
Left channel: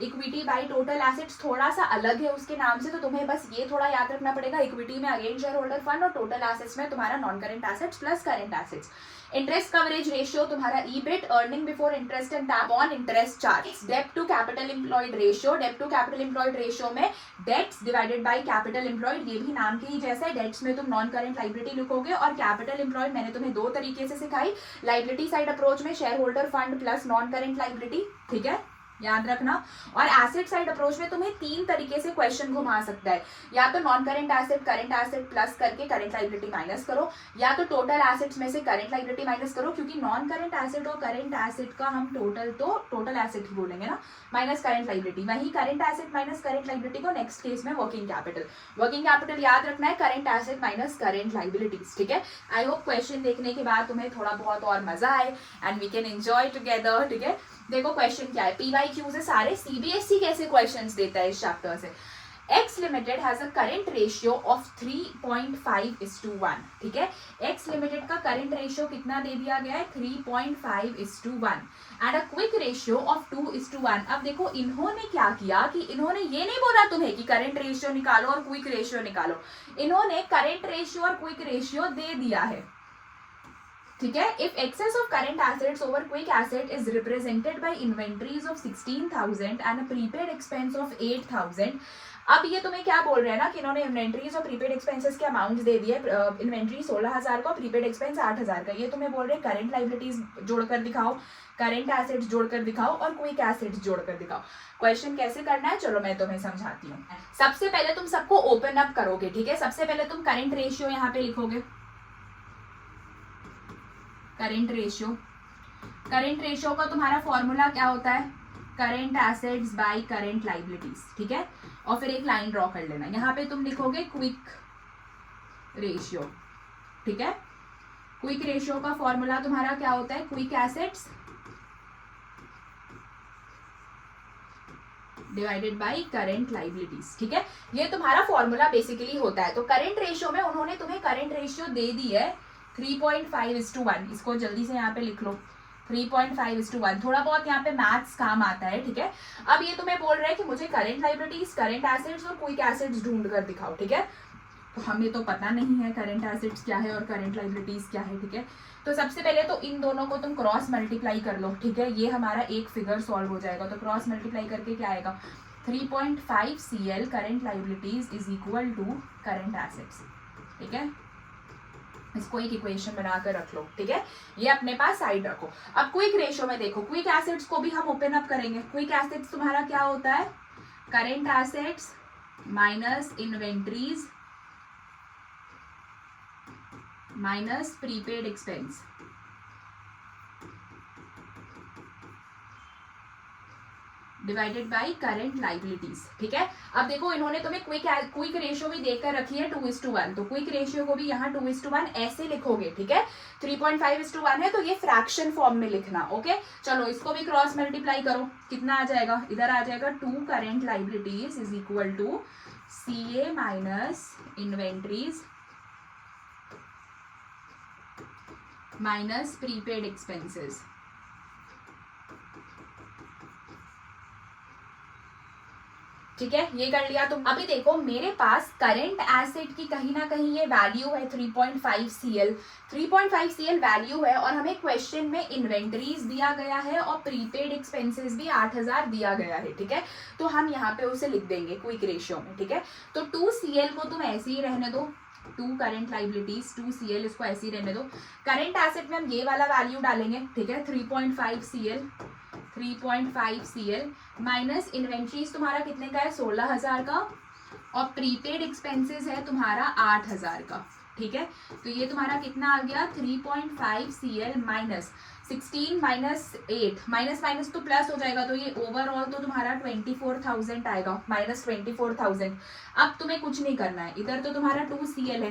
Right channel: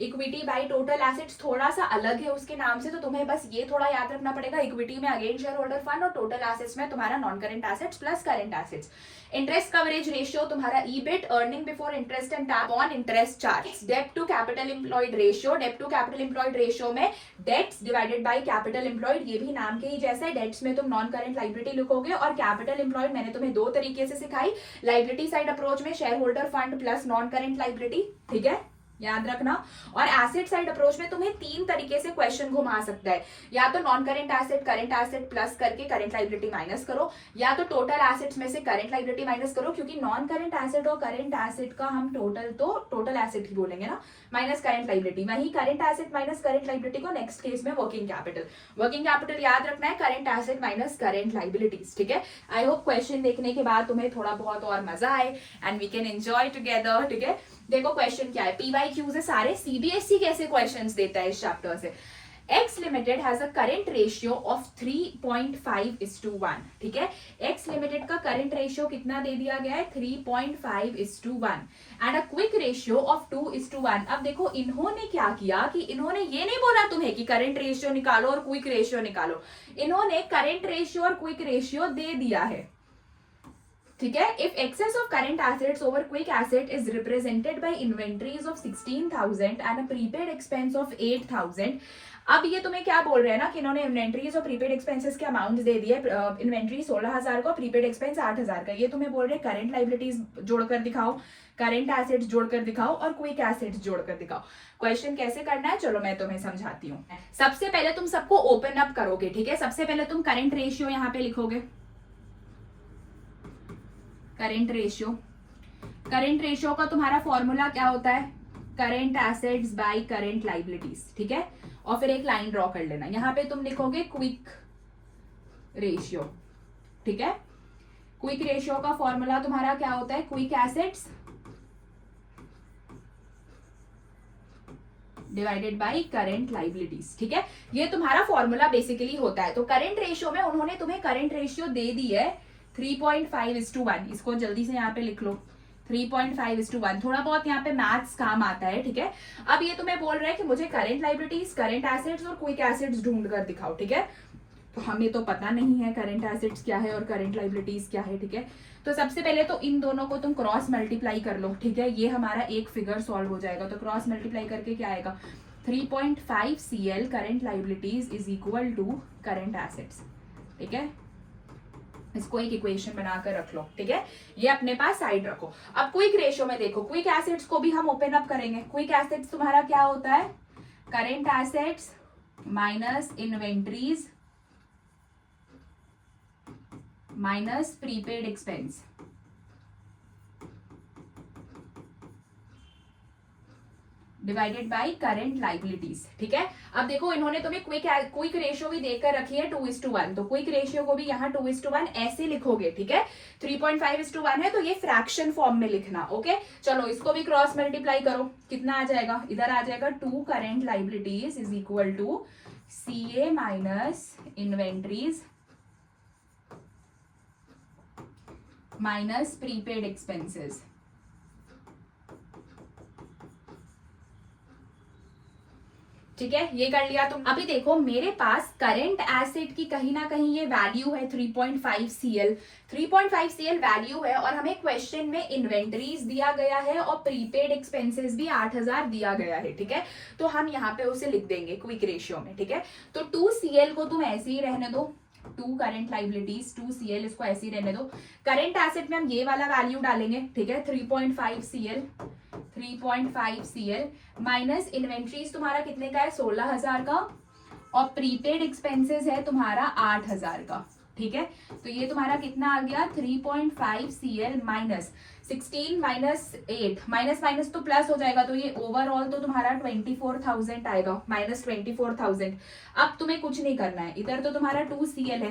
equity by total assets थोड़ा सा अलग है उसके नाम से, तो तुम्हें बस ये थोड़ा याद रखना पड़ेगा। इक्विटी में अगेन शेयर होल्डर फंड, और टोटल एसेट्स में तुम्हारा non current assets plus current assets. Interest coverage ratio तुम्हारा EBIT, earning before interest and tax on interest charge. डेब्ट टू कैपिटल एम्प्लॉयड रेशियो, डेब्ट टू कैपिटल एम्प्लॉयड रेशियो में dates divided by capital employed, ये भी नाम के ही जैसे। Dates में तुम नॉन करेंट लाइबिलिटी लिखोगे, और कैपिटल एम्प्लॉयड मैंने तुम्हें 2 तरीके से सिखाई। लाइबिलिटी साइड अप्रोच में share holder fund plus non current liability, ठीक है, याद रखना। और एसेट साइड अप्रोच में तुम्हें 3 तरीके से क्वेश्चन घुमा सकता है, या तो नॉन करेंट एसेट प्लस करके करेंट लाइबिलिटी माइनस करो, या तो टोटल एसेट्स में से करेंट लाइबिलिटी माइनस करो, क्योंकि नॉन करेंट एसेट और करेंट एसेट का हम टोटल एसेट ही बोलेंगे ना, माइनस करेंट लाइबिलिटी। वही current asset minus current liability को नेक्स्ट केस में वर्किंग कैपिटल याद रखना है, current asset minus current liabilities, ठीक है। आई होप क्वेश्चन देखने के बाद तुम्हें थोड़ा बहुत और मजा आए and we can enjoy together, ठीक है। देखो क्वेश्चन क्या है, पीवाईक्यूज है सारे। सीबीएसई कैसे क्वेश्चंस देता है इस चैप्टर से, x limited has a current ratio of 3.5:1, ठीक है। एक्स लिमिटेड का करेंट रेशियो कितना दे दिया गया है, 3.5:1 and a quick ratio of 2:1। अब देखो इन्होंने क्या किया कि इन्होंने ये नहीं बोला तुम्हें कि करेंट रेशियो निकालो और क्विक रेशियो निकालो, इन्होंने करेंट रेशियो और क्विक रेशियो दे दिया है, ठीक है। If excess of current assets over quick asset is represented by inventories of 16,000 and a prepaid expense of 8,000। अब ये तुम्हें क्या बोल रहे हैं ना कि इन्होंने इन्वेंटरीज और प्रीपेड एक्सपेंसेस के अमाउंट दे दिए, इन्वेंटरी 16,000 का, प्रीपेड एक्सपेंस 8,000 का। ये तुम्हें बोल रहे हैं करंट लाइबिलिटीज जोड़कर दिखाओ, करंट एसेट्स जोड़कर दिखाओ और क्विक एसेट्स जोड़कर दिखाओ। क्वेश्चन कैसे करना है, चलो मैं तुम्हें समझाती हूँ। सबसे पहले तुम सबको ओपन अप करोगे, ठीक है। सबसे पहले तुम करंट रेशियो यहाँ पे लिखोगे, करंट रेशियो। करंट रेशियो का तुम्हारा फॉर्मूला क्या होता है, current assets bye current liabilities, ठीक है। और फिर एक लाइन ड्रॉ कर लेना, यहाँ पे तुम लिखोगे क्विक रेशियो, ठीक है। क्विक रेशियो का फॉर्मूला तुम्हारा क्या होता है, quick assets divided by current liabilities, ठीक है। ये तुम्हारा फॉर्मूला बेसिकली होता है। तो करंट रेशियो में उन्होंने तुम्हें करंट रेशियो दे दी है 3.5:1, इसको जल्दी से यहाँ पे लिख लो, 3.5:1। थोड़ा बहुत यहाँ पे मैथ्स काम आता है, ठीक है। अब ये तुम्हें बोल रहा है कि मुझे करंट लाइबिलिटीज, करंट एसेट्स और क्विक एसेट्स ढूंढ कर दिखाओ, ठीक है। तो हमें तो पता नहीं है करंट एसेट्स क्या है और करंट लाइबिलिटीज क्या है, ठीक है। तो सबसे पहले तो इन दोनों को तुम क्रॉस मल्टीप्लाई कर लो, ठीक है। ये हमारा एक फिगर सॉल्व हो जाएगा। तो क्रॉस मल्टीप्लाई करके क्या आएगा, 3.5 CL current liabilities is equal to current assets, ठीक है। इसको एक इक्वेशन बनाकर रख लो, ठीक है। ये अपने पास साइड रखो। अब क्विक रेशियो में देखो, क्विक एसेट्स को भी हम ओपन अप करेंगे। क्विक एसेट्स तुम्हारा क्या होता है, current assets minus inventories minus prepaid expense, divided by current liabilities, ठीक है। अब देखो इन्होंने तुम्हें क्विक रेशियो भी देकर रखी है 2:1, तो क्विक रेशियो को भी यहाँ 2:1 ऐसे लिखोगे, ठीक है। 3.5:1 है तो ये फ्रैक्शन फॉर्म में लिखना, ओके। चलो इसको भी क्रॉस मल्टीप्लाई करो, कितना आ जाएगा, इधर आ जाएगा 2 current liabilities is equal to CA minus inventories minus prepaid expenses, ठीक है। ये कर लिया तुम। अभी देखो मेरे पास करंट एसेट की कहीं ना कहीं ये वैल्यू है 3.5 CL, 3.5 CL वैल्यू है और हमें क्वेश्चन में इन्वेंटरीज दिया गया है और प्रीपेड एक्सपेंसेस भी 8,000 दिया गया है, ठीक है। तो हम यहाँ पे उसे लिख देंगे क्विक रेशियो में, ठीक है। तो 2 CL को तुम ऐसे ही रहने दो, 2 करंट लाइबिलिटीज 2 CL, इसको ऐसे ही रहने दो। करंट एसेट में हम ये वाला वैल्यू डालेंगे, ठीक है, 3.5 CL माइनस इन्वेंट्रीज तुम्हारा कितने का है, 16,000 का, और प्रीपेड एक्सपेंसेस है तुम्हारा 8,000 का, ठीक है। तो ये तुम्हारा कितना आ गया, 3.5 CL minus 16 minus 8, minus minus तो प्लस हो जाएगा, तो ये ओवरऑल तो तुम्हारा 24,000 आएगा, माइनस 24,000। अब तुम्हें कुछ नहीं करना है, इधर तो तुम्हारा 2 CL है,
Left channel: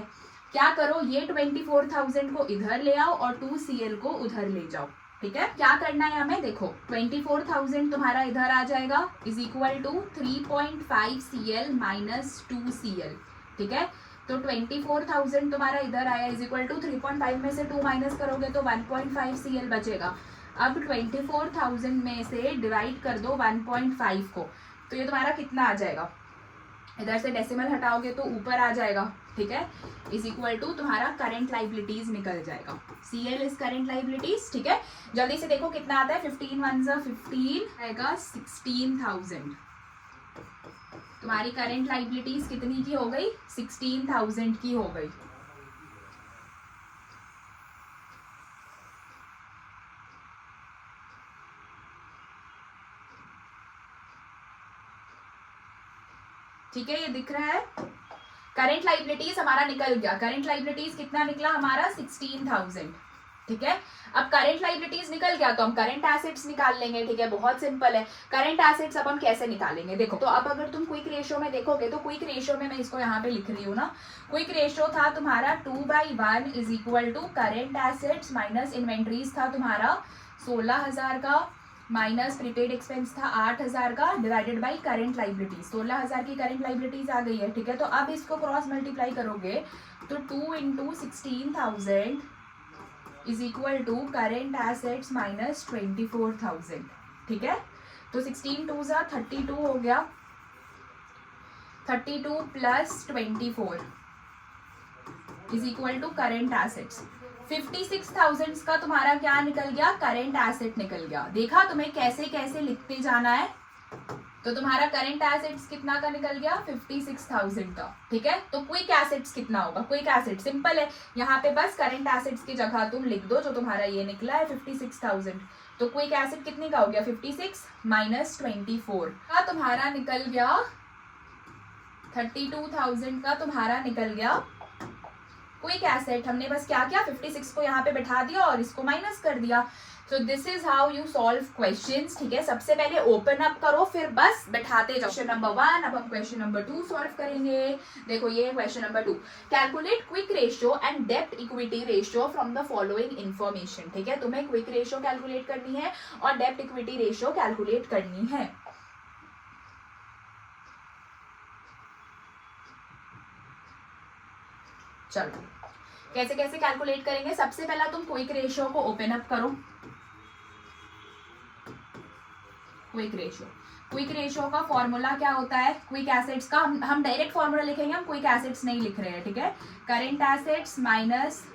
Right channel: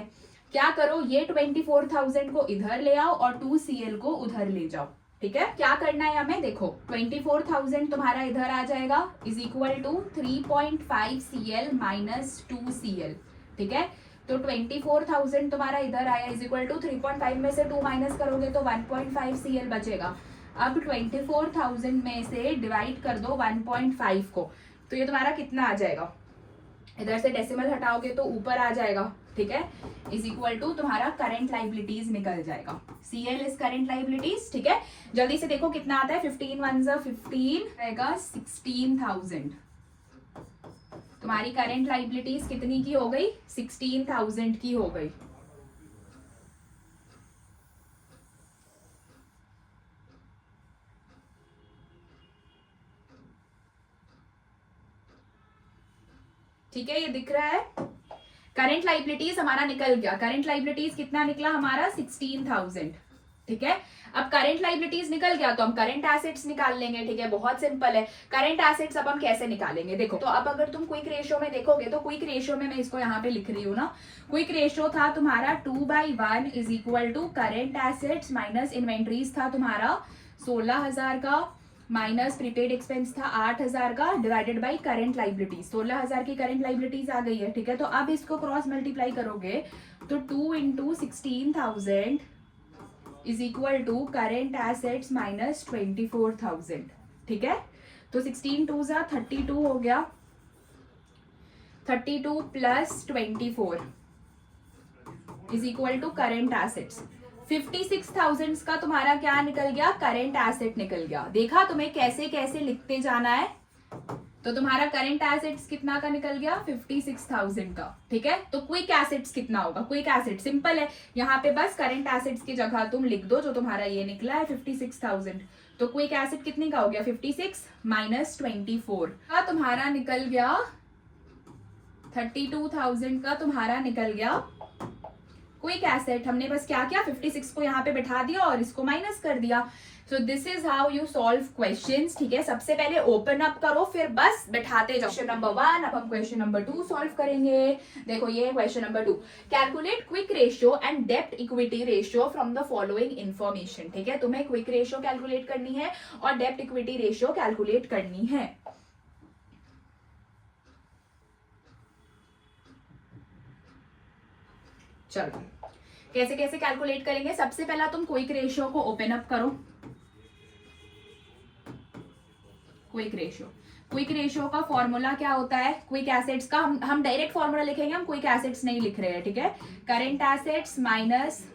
क्या करो ये 24,000 को इधर ले आओ और 2 CL को उधर ले जाओ, ठीक है। क्या करना है हमें, देखो 24,000 तुम्हारा इधर आ जाएगा is equal to 3.5 CL minus 2 CL, ठीक है। तो 24,000 तुम्हारा इधर आया इज इक्वल टू 3.5 में से 2 माइनस करोगे तो 1.5 CL बचेगा। अब 24,000 में से डिवाइड कर दो 1.5 को, तो ये तुम्हारा कितना आ जाएगा, इधर से डेसिमल हटाओगे तो ऊपर आ जाएगा, ठीक है। इज इक्वल टू तुम्हारा करंट लाइबिलिटीज निकल जाएगा, CL इज करंट लाइबिलिटीज, ठीक है। जल्दी से देखो कितना आता है, 15 1 15 आएगा 16,000। तुम्हारी करंट लाइबिलिटीज कितनी की हो गई, 16,000 की हो गई। ठीक है, ये दिख रहा है। करंट लाइबिलिटीज हमारा निकल गया, करंट लाइबिलिटीज कितना निकला हमारा, 16,000, ठीक है। अब करंट लाइबिलिटीज निकल गया तो हम करंट एसेट्स निकाल लेंगे, ठीक है, बहुत सिंपल है। करंट एसेट्स अब हम कैसे निकालेंगे, देखो तो अब अगर तुम क्विक रेशियो में देखोगे तो क्विक रेशियो में मैं इसको यहाँ पे लिख रही हूँ ना, क्विक रेशियो था तुम्हारा 2/1 is equal to current assets minus inventories था तुम्हारा 16,000 का, माइनस प्रीपेड एक्सपेंस था 8,000 का डिवाइडेड बाई करेंट लाइबिलिटी, 16,000 की करेंट लाइबिलिटीज आ गई है, ठीक है। तो अब इसको क्रॉस मल्टीप्लाई करोगे तो 2 into 16,000 is equal to current assets minus 24,000, ठीक है। तो 16 टू ज़ा 32 हो गया, 32 plus 24 is equal to current assets. 56,000 का तुम्हारा क्या निकल गया, करेंट एसेट निकल गया। देखा तुम्हें कैसे कैसे लिखते जाना है। तो तुम्हारा करेंट एसेट्स कितना का निकल गया, 56,000 का, ठीक है। तो क्विक एसेट्स कितना होगा, क्विक एसेट सिंपल है, यहाँ पे बस करेंट एसेट्स की जगह तुम लिख दो जो तुम्हारा ये निकला है 56,000। तो क्विक एसेट कितने का हो गया, 56 माइनस 24 का तुम्हारा निकल गया 32,000 का तुम्हारा निकल गया क्विक एसेट। हमने बस क्या किया, 56 को यहाँ पे बिठा दिया और इसको माइनस कर दिया। So this is how you solve questions, ठीक है। सबसे पहले ओपन अप करो, फिर बस बैठाते जाओ। क्वेश्चन नंबर 1, अब हम क्वेश्चन नंबर 2 सॉल्व करेंगे। देखो ये question number 2, calculate quick ratio and डेब्ट equity ratio from the following information, ठीक है। तुम्हें क्विक रेशियो कैलकुलेट करनी है और डेब्ट इक्विटी रेशियो कैलकुलेट करनी है। चलो कैसे कैसे कैलकुलेट करेंगे। सबसे पहला तुम क्विक रेशियो को ओपन अप करो। क्विक रेशियो का फॉर्मूला क्या होता है, क्विक एसेट्स का हम डायरेक्ट फॉर्मूला लिखेंगे, हम क्विक एसेट्स नहीं लिख रहे हैं, ठीक है। Current assets minus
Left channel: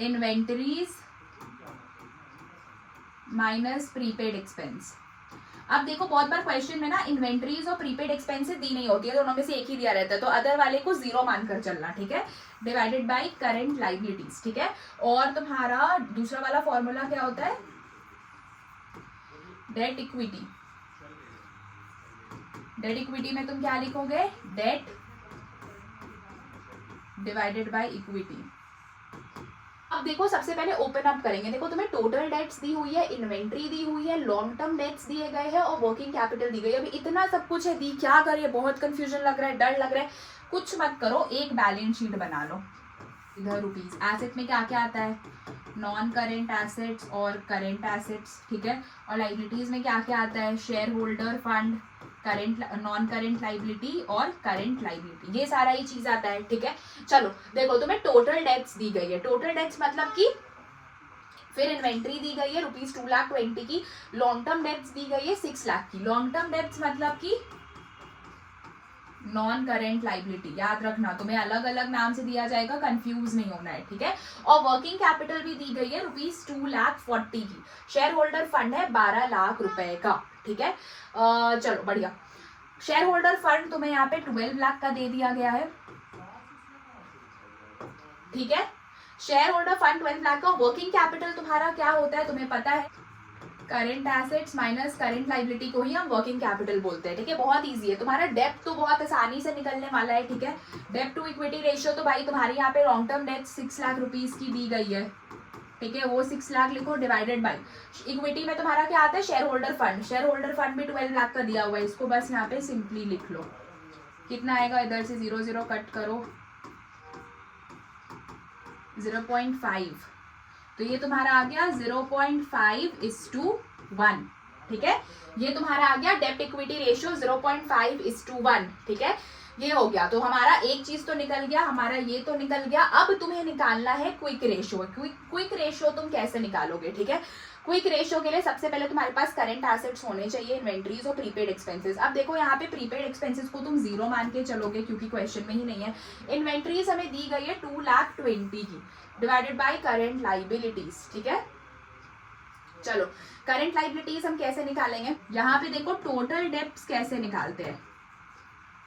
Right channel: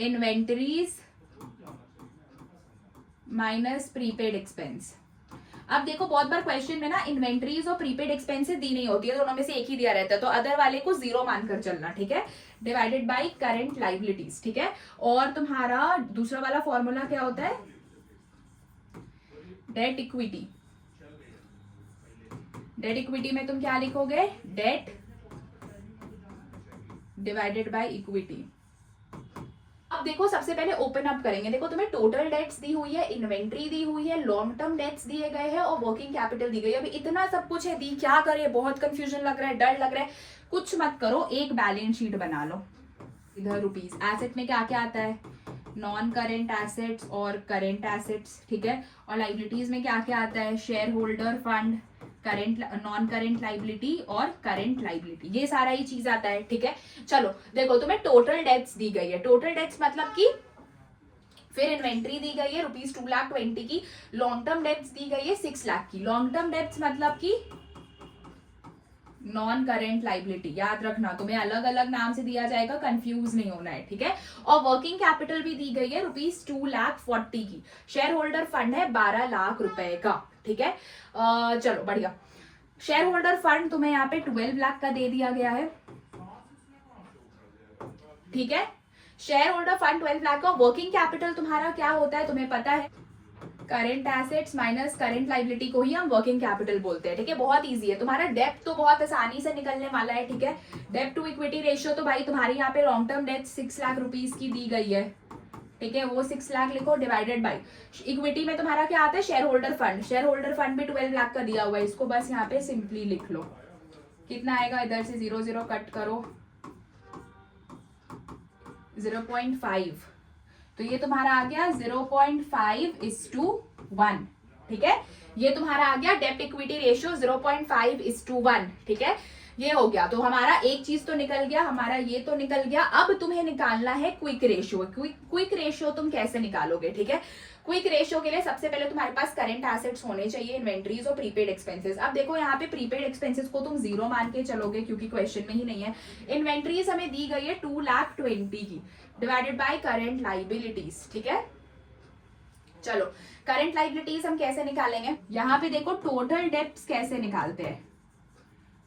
inventories minus prepaid expense. अब देखो बहुत बार क्वेश्चन में ना इन्वेंटरीज और प्रीपेड एक्सपेंसेस दी नहीं होती है, दोनों में से एक ही दिया रहता है, तो अदर वाले को 0 मानकर चलना, ठीक है। डिवाइडेड बाय करंट लाइबिलिटीज, ठीक है। और तुम्हारा दूसरा वाला फॉर्मूला क्या होता है, डेट इक्विटी। डेट इक्विटी में तुम क्या लिखोगे, डेट डिवाइडेड बाय इक्विटी। अब देखो सबसे पहले ओपन अप करेंगे। देखो तुम्हें टोटल डेट्स दी हुई है, इन्वेंट्री दी हुई है, लॉन्ग टर्म डेट्स दिए गए हैं और वर्किंग कैपिटल दी गई है। अभी इतना सब कुछ है, दी क्या करे, बहुत कंफ्यूजन लग रहा है, डर लग रहा है, कुछ मत करो, एक बैलेंस शीट बना लो। इधर रुपीज एसेट में क्या क्या आता है, नॉन करेंट एसेट्स और करेंट एसेट्स, ठीक है। और लाइबिलिटीज में क्या क्या आता है, share holder fund, current non current liability और करेंट लाइबिलिटी, ये सारा ही चीज आता है, ठीक है। चलो देखो तुम्हें टोटल डेट्स दी गई है, टोटल डेट्स मतलब कि फिर इन्वेंट्री दी गई है ₹2,20,000 की, लॉन्ग टर्म डेट्स दी गई है 6 लाख की। लॉन्ग टर्म डेट्स मतलब कि नॉन करेंट लाइबिलिटी, याद रखना तुम्हें अलग अलग नाम से दिया जाएगा, कंफ्यूज नहीं होना है, ठीक है। और वर्किंग कैपिटल भी दी गई है ₹2,40,000 की। शेयर होल्डर फंड है 12 लाख रुपए का, ठीक है। चलो बढ़िया। शेयर होल्डर फंड तुम्हें यहाँ पे 12 लाख का दे दिया गया है, ठीक है। शेयर होल्डर फंड 12 लाख का। वर्किंग कैपिटल तुम्हारा क्या होता है तुम्हें पता है, current assets minus current liability को ही हम वर्किंग कैपिटल बोलते हैं, ठीक है। बहुत इजी है। तुम्हारा डेब्ट तो बहुत आसानी से निकलने वाला है, ठीक है। डेब्ट टू इक्विटी रेशियो तो भाई तुम्हारी यहाँ पे long term debt 6 lakh rupees की दी गई है, ठीक है, वो 6 लाख लिखो, डिवाइडेड बाई इक्विटी में तुम्हारा क्या आता है, share holder fund. Share holder fund भी 12 लाख का दिया हुआ है, इसको बस यहाँ पे सिंपली लिख लो। कितना आएगा, इधर से 0 0 कट करो, 0.5, तो ये तुम्हारा आ गया 0.5:1, ठीक है। ये तुम्हारा आ गया डेब्ट इक्विटी रेशियो 0.5:1, ठीक है। ये हो गया, तो हमारा एक चीज तो निकल गया, हमारा ये तो निकल गया। अब तुम्हें निकालना है क्विक रेशियो। क्विक रेशियो तुम कैसे निकालोगे, ठीक है। क्विक रेशियो के लिए सबसे पहले तुम्हारे पास करंट एसेट्स होने चाहिए, इन्वेंट्रीज और प्रीपेड एक्सपेंसेस। अब देखो यहाँ पे प्रीपेड एक्सपेंसेस को तुम 0 मान के चलोगे क्योंकि क्वेश्चन में ही नहीं है। इन्वेंट्रीज हमें दी गई है 2,20,000 की, डिवाइडेड बाय करंट लाइबिलिटीज, ठीक है। चलो करंट लाइबिलिटीज हम कैसे निकालेंगे, यहाँ पे देखो टोटल डेब्ट्स कैसे निकालते हैं।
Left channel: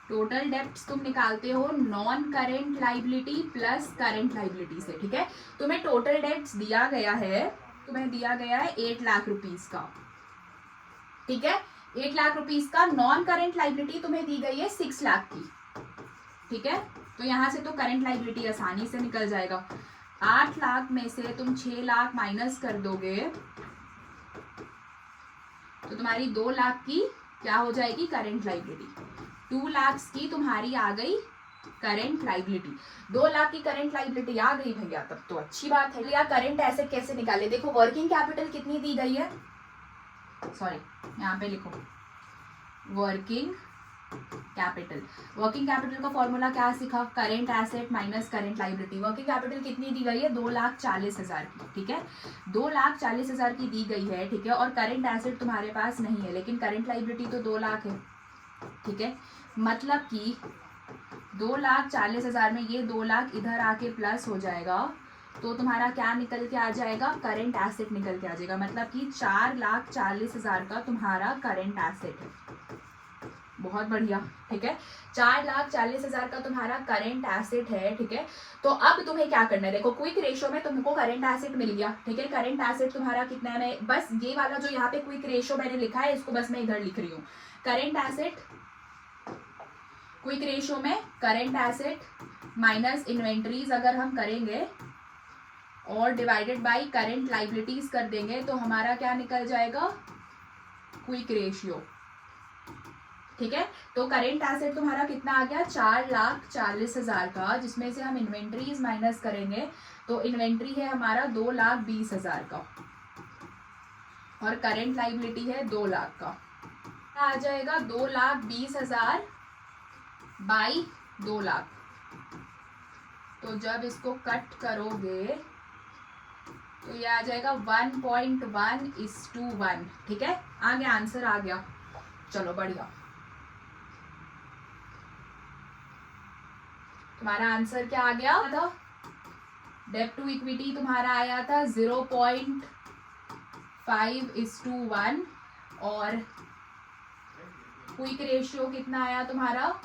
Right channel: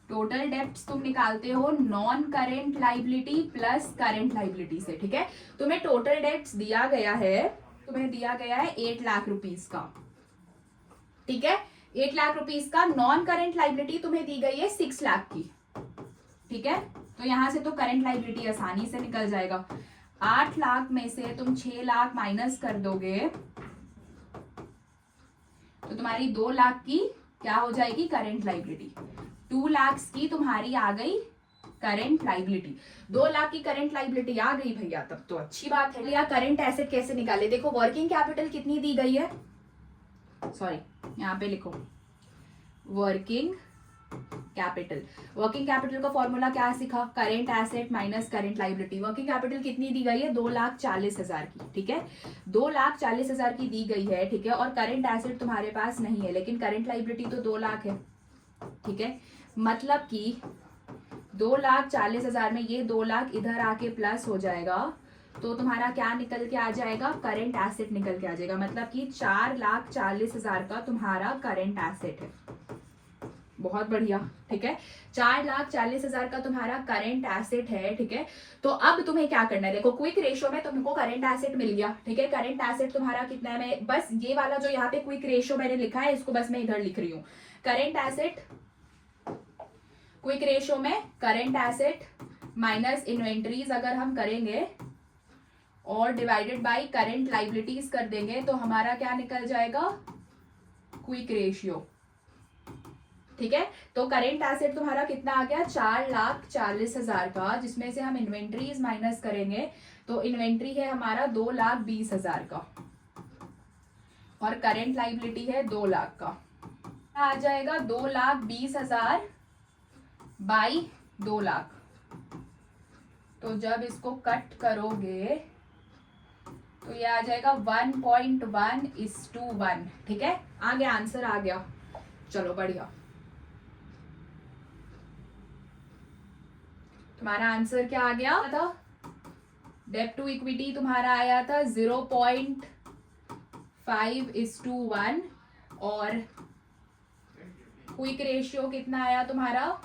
टोटल डेब्ट्स तुम निकालते हो non current liability plus current liability से, ठीक है। तुम्हें टोटल डेब्ट्स दिया गया है, तुम्हें दिया गया है 8 लाख रुपीज का, ठीक है। 8 लाख रुपीज का। नॉन करेंट लाइबिलिटी तुम्हें दी गई है 6 लाख की, ठीक है। तो यहां से तो करंट लाइबिलिटी आसानी से निकल जाएगा। 8 लाख में से तुम 6 लाख माइनस कर दोगे तो तुम्हारी 2 लाख की क्या हो जाएगी, करंट लाइबिलिटी। 2 लाख की तुम्हारी आ गई करंट लाइबिलिटी। 2 लाख की करंट लाइबिलिटी आ गई भैया, तब तो अच्छी बात है। या करंट एसेट कैसे निकाले, देखो वर्किंग कैपिटल कितनी दी गई है, सॉरी यहाँ पे लिखो वर्किंग कैपिटल। वर्किंग कैपिटल का फॉर्मूला क्या सीखा, current asset minus current liability. Working capital कितनी दी गई है, 2,40,000 की, ठीक है, 2,40,000 की दी गई है, ठीक है, और करेंट एसेट तुम्हारे पास नहीं है, लेकिन करेंट लाइबिलिटी तो 2 लाख है, ठीक है, मतलब कि 2,40,000 में ये 2 लाख इधर आके प्लस हो जाएगा, तो तुम्हारा क्या निकल के आ जाएगा, करेंट एसेट निकल के आ जाएगा, मतलब कि 4,40,000 का तुम्हारा करेंट एसेट है। बहुत बढ़िया, ठीक है, 4,40,000 का तुम्हारा करेंट एसेट है, ठीक है। तो अब तुम्हें क्या करना है, देखो क्विक रेशियो में तुमको करेंट एसेट मिल गया, ठीक है, करेंट एसेट तुम्हारा कितना है, मैं बस ये वाला जो यहाँ पे क्विक रेशियो मैंने लिखा है इसको बस मैं इधर लिख रही हूँ। करेंट एसेट क्विक रेशियो में करेंट एसेट माइनस इन्वेंट्रीज अगर हम करेंगे और डिवाइडेड बाय करेंट लाइबिलिटीज कर देंगे तो हमारा क्या निकल जाएगा, क्विक रेशियो, ठीक है। तो करेंट एसेट तुम्हारा कितना आ गया, 4,40,000 का, जिसमें से हम इन्वेंट्रीज माइनस करेंगे तो इन्वेंट्री है हमारा 2,20,000 का और करेंट लाइबिलिटी है 2 लाख का, आ जाएगा 2,20,000 बाई 2 लाख। तो जब इसको कट करोगे तो ये आ जाएगा 1.1:1, ठीक है, आ गया आंसर, आ गया, चलो बढ़िया। तुम्हारा आंसर क्या आ गया था, डेब्ट टू इक्विटी तुम्हारा आया था 0.5:1 और क्विक रेशियो कितना आया तुम्हारा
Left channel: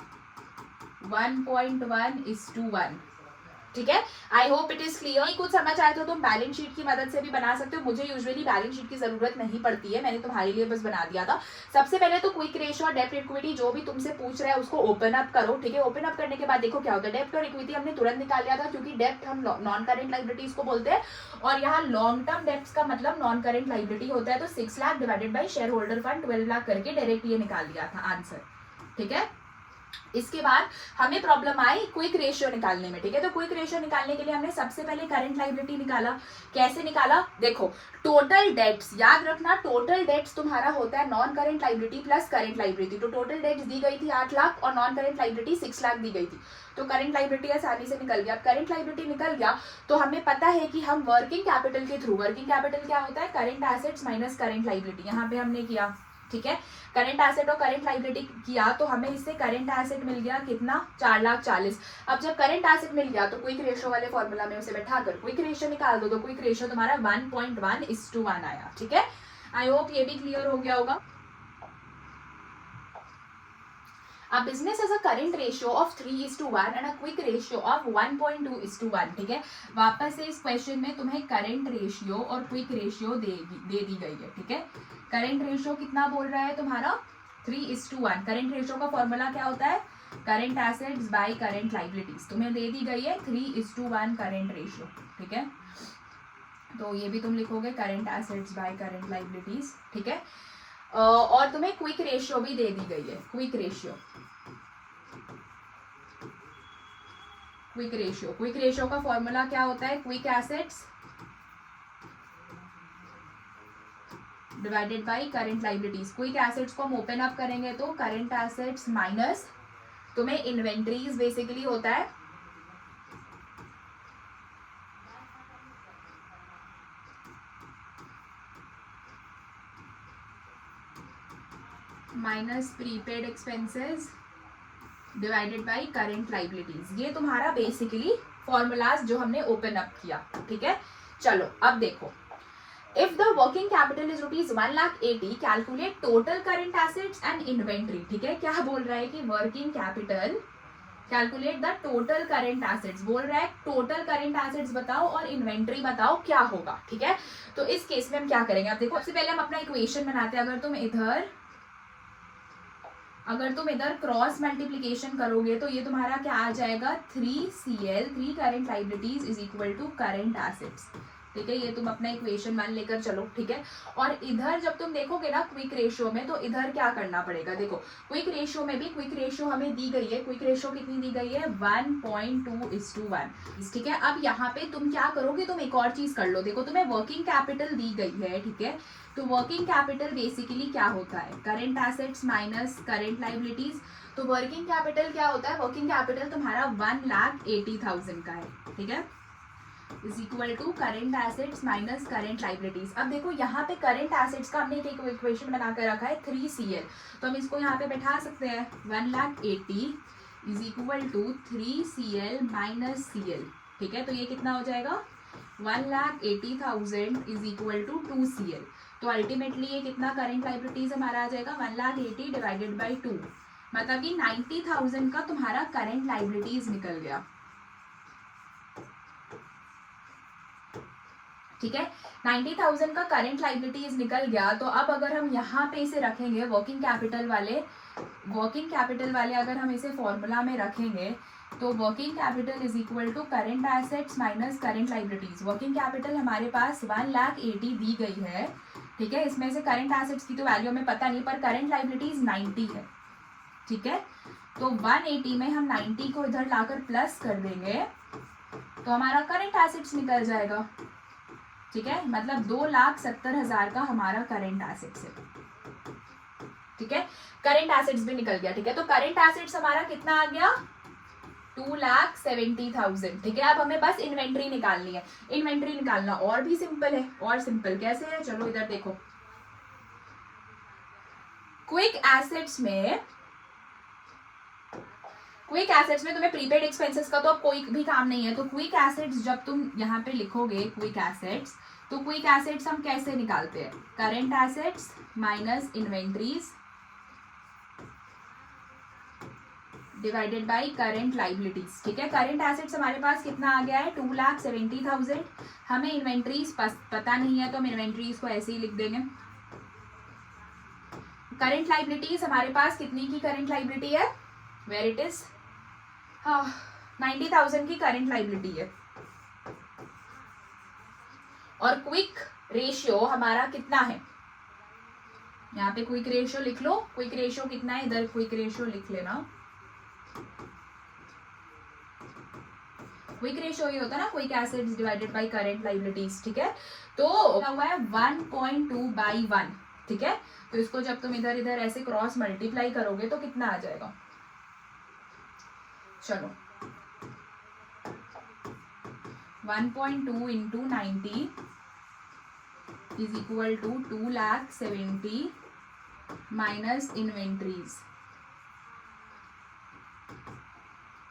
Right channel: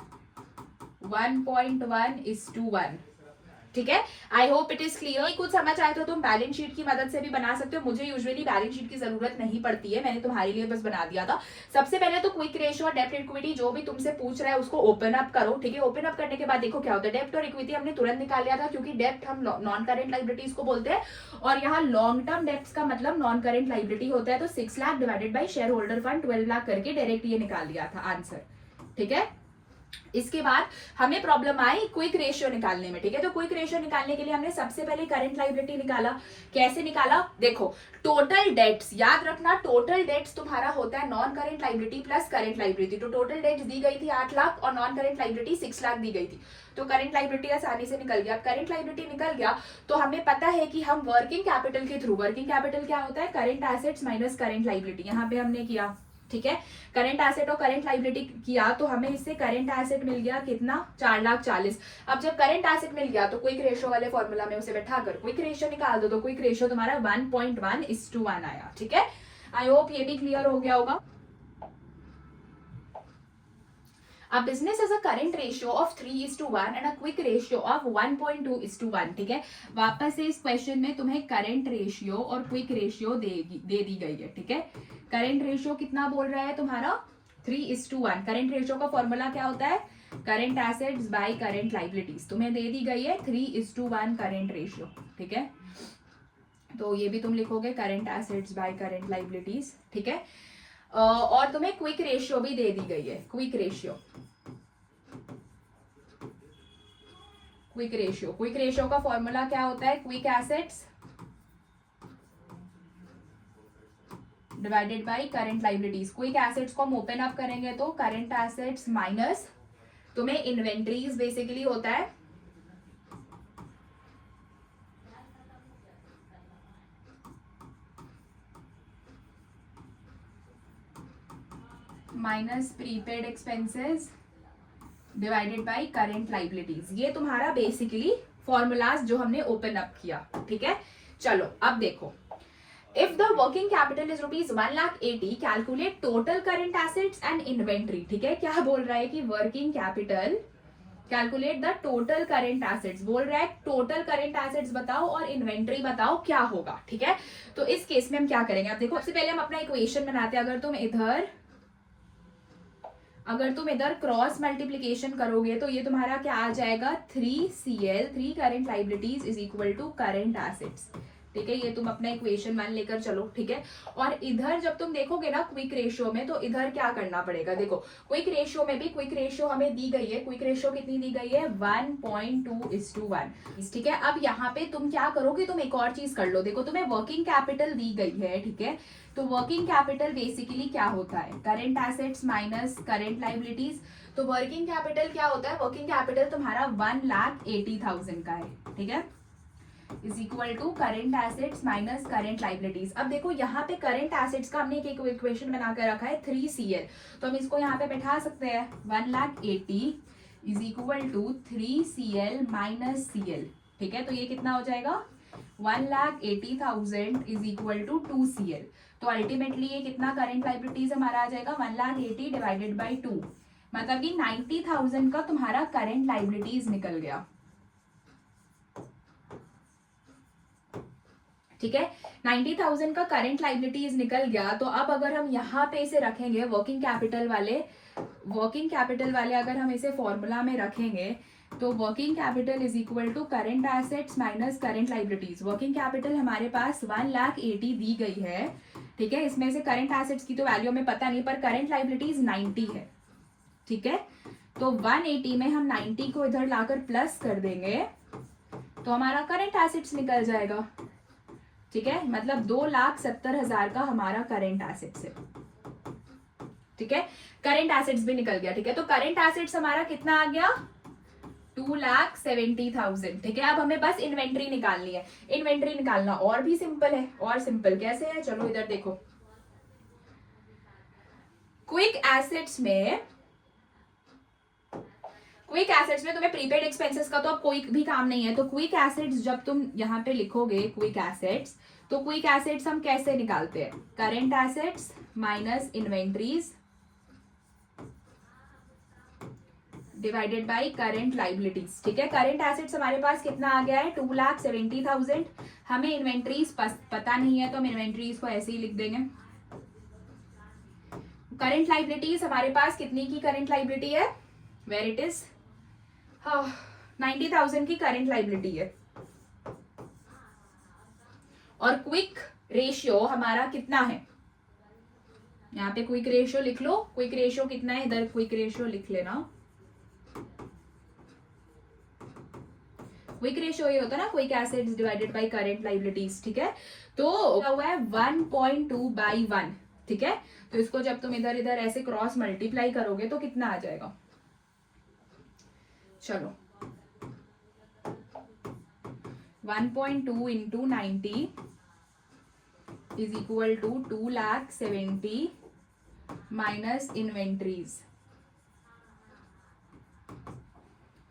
1.1:1, ठीक है। I hope it is clear. कुछ समझ आए तो तुम बैलेंस शीट की मदद से भी बना सकते हो, मुझे यूजुअली बैलेंस शीट की जरूरत नहीं पड़ती है, मैंने तुम्हारे लिए बस बना दिया था। सबसे पहले तो क्विक रेशियो और डेब्ट इक्विटी जो भी तुमसे पूछ रहा है उसको ओपन अप करो, ठीक है। ओपन अप करने के बाद देखो क्या होता है, डेब्ट और इक्विटी हमने तुरंत निकाल लिया था, क्योंकि डेब्ट हम नॉन करेंट लाइबिलिटीज को बोलते हैं और यहाँ लॉन्ग टर्म डेब्ट का मतलब नॉन करेंट लाइबिलिटी होता है। तो 6 lakh divided by share holder fund 12 lakh करके डायरेक्ट ये निकाल दिया था आंसर, ठीक है। इसके बाद हमें प्रॉब्लम आई क्विक रेशियो निकालने में, ठीक है। तो क्विक रेशियो निकालने के लिए हमने सबसे पहले करंट लायबिलिटी निकाला। कैसे निकाला, देखो टोटल डेट्स, याद रखना टोटल डेट्स तुम्हारा होता है non current liability plus current liability. तो टोटल डेट्स दी गई थी 8 लाख और नॉन करंट लायबिलिटी 6 लाख दी गई थी। तो करंट लायबिलिटी आसानी से निकल गया। करंट लायबिलिटी निकल गया तो हमें पता है कि हम वर्किंग कैपिटल के थ्रू, वर्किंग कैपिटल क्या होता है, current assets minus current liability, यहाँ पे हमने किया, ठीक है। करंट एसेट और करंट लायबिलिटी किया तो हमें इससे करंट एसेट मिल गया कितना, 4,40,000। अब जब करंट एसेट मिल गया तो क्विक रेशियो वाले फॉर्मूला में उसे बैठा कर क्विक रेशियो निकाल दो, तो क्विक रेशियो तुम्हारा 1.1:1 आया, ठीक है। आई होप ये भी क्लियर हो गया होगा। A business has a current ratio of 3:1 and a quick ratio of 1.2:1, ठीक है। वापस से इस क्वेश्चन में तुम्हें करंट रेशियो और क्विक रेशियो दे दी गई है, ठीक है। करंट रेशियो कितना बोल रहा है तुम्हारा 3:1। करंट रेशियो का फॉर्मूला क्या होता है, current assets by current liabilities, तुम्हें दे दी गई है 3:1 करंट रेशियो, ठीक है। तो ये भी तुम लिखोगे current assets by current liabilities, ठीक है। और तुम्हें क्विक रेशियो भी दे दी गई है, quick ratio, quick ratio. Quick ratio का फॉर्मूला क्या होता है, quick assets divided by current liabilities. Quick assets को हम ओपन अप करेंगे तो करंट एसेट्स माइनस तुम्हें इन्वेंट्रीज बेसिकली होता है minus prepaid expenses divided by current liabilities. ये तुम्हारा बेसिकली फॉर्मूलाज जो हमने ओपन अप किया, ठीक है। चलो अब देखो, if the working capital is rupees 1,80,000 calculate total current assets and inventory, ठीक है। क्या बोल रहा है कि working capital calculate the total current assets, बोल रहा है टोटल करंट एसेट्स बताओ और इन्वेंट्री बताओ क्या होगा, ठीक है। तो इस केस में हम क्या करेंगे, अब देखो सबसे पहले हम अपना इक्वेशन बनाते हैं। अगर तुम इधर क्रॉस मल्टीप्लीकेशन करोगे तो ये तुम्हारा क्या आ जाएगा, 3CL 3 current liabilities is equal to current assets, ठीक है, ये तुम अपना इक्वेशन 1 लेकर चलो, ठीक है। और इधर जब तुम देखोगे ना क्विक रेशियो में, तो इधर क्या करना पड़ेगा, देखो क्विक रेशियो में भी क्विक रेशियो हमें दी गई है, क्विक रेशियो कितनी दी गई है 1.2:1, ठीक है। अब यहाँ पे तुम क्या करोगे, तुम एक और चीज कर लो, देखो तुम्हें वर्किंग कैपिटल दी गई है, ठीक है। तो वर्किंग कैपिटल बेसिकली क्या होता है, current assets minus current liabilities. तो वर्किंग कैपिटल क्या होता है, वर्किंग कैपिटल तुम्हारा 1,80,000 का है, ठीक है, is equal to current assets minus current liabilities. अब देखो यहाँ पे करेंट एसेट्स का हमने एक इक्वेशन बनाकर रखा है 3CL, तो हम इसको यहाँ पे बैठा सकते हैं 1,80,000 is equal to 3CL minus CL, ठीक है। तो ये कितना हो जाएगा 1,80,000 इज इक्वल टू 2CL। तो अल्टीमेटली ये कितना करेंट लाइबिलिटीज हमारा आ जाएगा 1,80,000 डिवाइडेड बाई 2, मतलब कि 90,000 का तुम्हारा करेंट लाइबिलिटीज निकल गया, ठीक है। 90,000 का करंट लाइबिलिटीज निकल गया। तो अब अगर हम यहाँ पे इसे रखेंगे वर्किंग कैपिटल वाले अगर हम इसे फॉर्मूला में रखेंगे, तो working capital is equal to current assets minus current liabilities. Working capital हमारे पास 1,80,000 दी गई है, ठीक है। इसमें से करेंट एसेट्स की तो वैल्यू हमें पता नहीं, पर करेंट लाइबिलिटीज 90 है, ठीक है। तो 180 में हम 90 को इधर लाकर प्लस कर देंगे, तो हमारा करेंट एसेट्स निकल जाएगा, ठीक है। मतलब 2,70,000 का हमारा करेंट एसेट्स है, ठीक है। करेंट एसेट्स भी निकल गया, ठीक है। तो करेंट एसेट्स हमारा कितना आ गया 2,70,000, ठीक है। अब हमें बस इन्वेंट्री निकालनी है। इन्वेंट्री निकालना और भी सिंपल है, और सिंपल कैसे है, चलो इधर देखो। क्विक एसेट्स में तुम्हें प्रीपेड एक्सपेंसेस का तो अब कोई भी काम नहीं है। तो क्विक एसेट्स जब तुम यहाँ पे लिखोगे क्विक एसेट्स, तो क्विक एसेट्स हम कैसे निकालते हैं, current assets minus inventories divided by current liabilities, ठीक है। करेंट एसेट्स हमारे पास कितना आ गया है 2,70,000। हमें इन्वेंट्रीज पता नहीं है, तो हम इन्वेंट्रीज को ऐसे ही लिख देंगे। करेंट लाइबिलिटीज हमारे पास कितनी की करेंट लाइबिलिटी है, वेयर इट इज 90,000 की करेंट लाइबिलिटी है। और क्विक रेशियो हमारा कितना है, यहाँ पे क्विक रेशियो लिख लो। क्विक रेशियो कितना है, इधर क्विक रेशियो लिख लेना। क्विक रेशियो ये होता है ना quick assets divided bye current liabilities, ठीक है। तो क्या हुआ है 1.2/1, ठीक है। तो इसको जब तुम इधर इधर ऐसे क्रॉस मल्टीप्लाई करोगे तो कितना आ जाएगा, चलो 1.2 into 90 is equal to 2,70,000 minus inventories,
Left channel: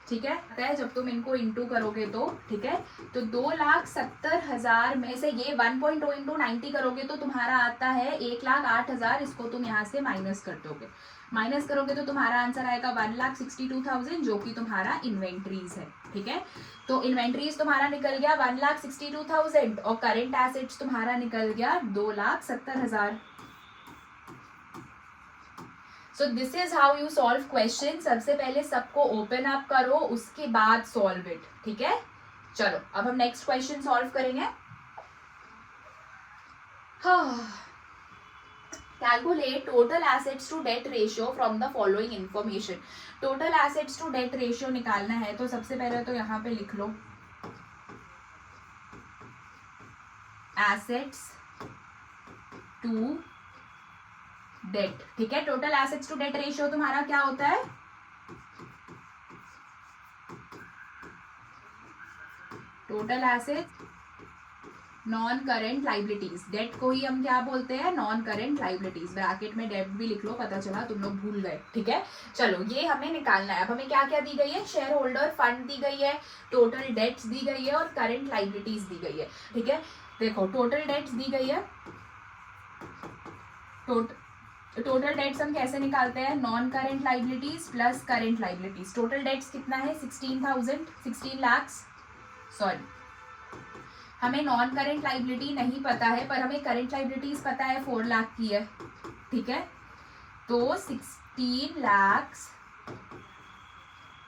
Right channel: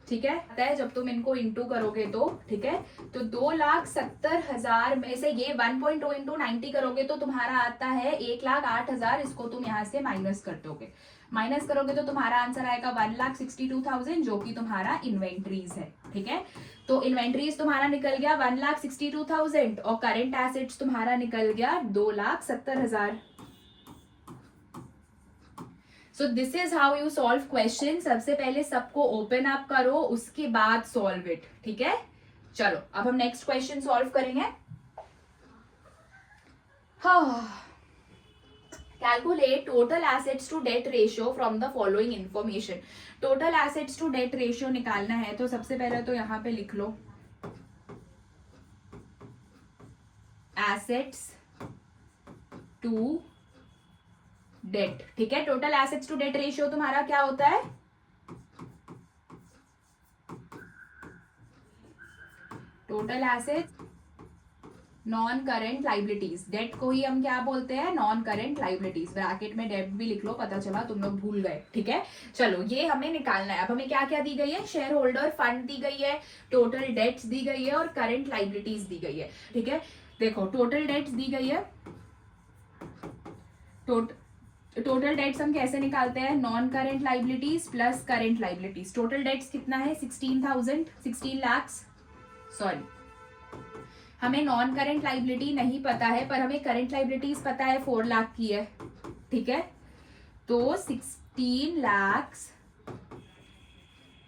ठीक है। जब तुम इनको इंटू करोगे तो, ठीक है, तो 2,70,000 में से ये 1.2 इंटू 90 करोगे तो तुम्हारा आता है 1,08,000। इसको तुम यहाँ से माइनस कर दोगे, माइनस करोगे तो तुम्हारा आंसर आएगा 1,62,000, जो कि तुम्हारा इन्वेंट्रीज है, ठीक है। तो इन्वेंट्रीज तुम्हारा निकल गया 1,62,000 और करेंट एसेट्स तुम्हारा निकल गया 2,70,000। So this is how you solve question. सबसे पहले सबको ओपन अप करो, उसके बाद सॉल्व इट, ठीक है। चलो अब हम नेक्स्ट क्वेश्चन सॉल्व करेंगे। Calculate total assets to debt ratio from the following information. Total assets to debt ratio निकालना है, तो सबसे पहले तो यहाँ पे लिख लो एसेट्स टू डेट, ठीक है। Total assets to debt ratio तुम्हारा क्या होता है, total assets non current liabilities. Debt को ही हम क्या बोलते हैं, नॉन करेंट लाइबिलिटीज। ब्रैकेट में डेट भी लिख लो, पता चला तुम लोग भूल गए, ठीक है। चलो ये हमें निकालना है। अब हमें क्या क्या दी गई है, शेयर होल्डर फंड दी गई है, टोटल डेट्स दी गई है और करेंट लाइबिलिटीज दी गई है, ठीक है। देखो टोटल डेट्स दी गई है, टोटल डेट्स हम कैसे निकालते हैं, non current liabilities plus current liabilities. Total debts कितना है 16 लाख, सॉरी हमें नॉन करेंट लाइबिलिटी नहीं पता है, पर हमें करेंट लाइबिलिटीज पता है 4 लाख की है, ठीक है। तो 16 lakh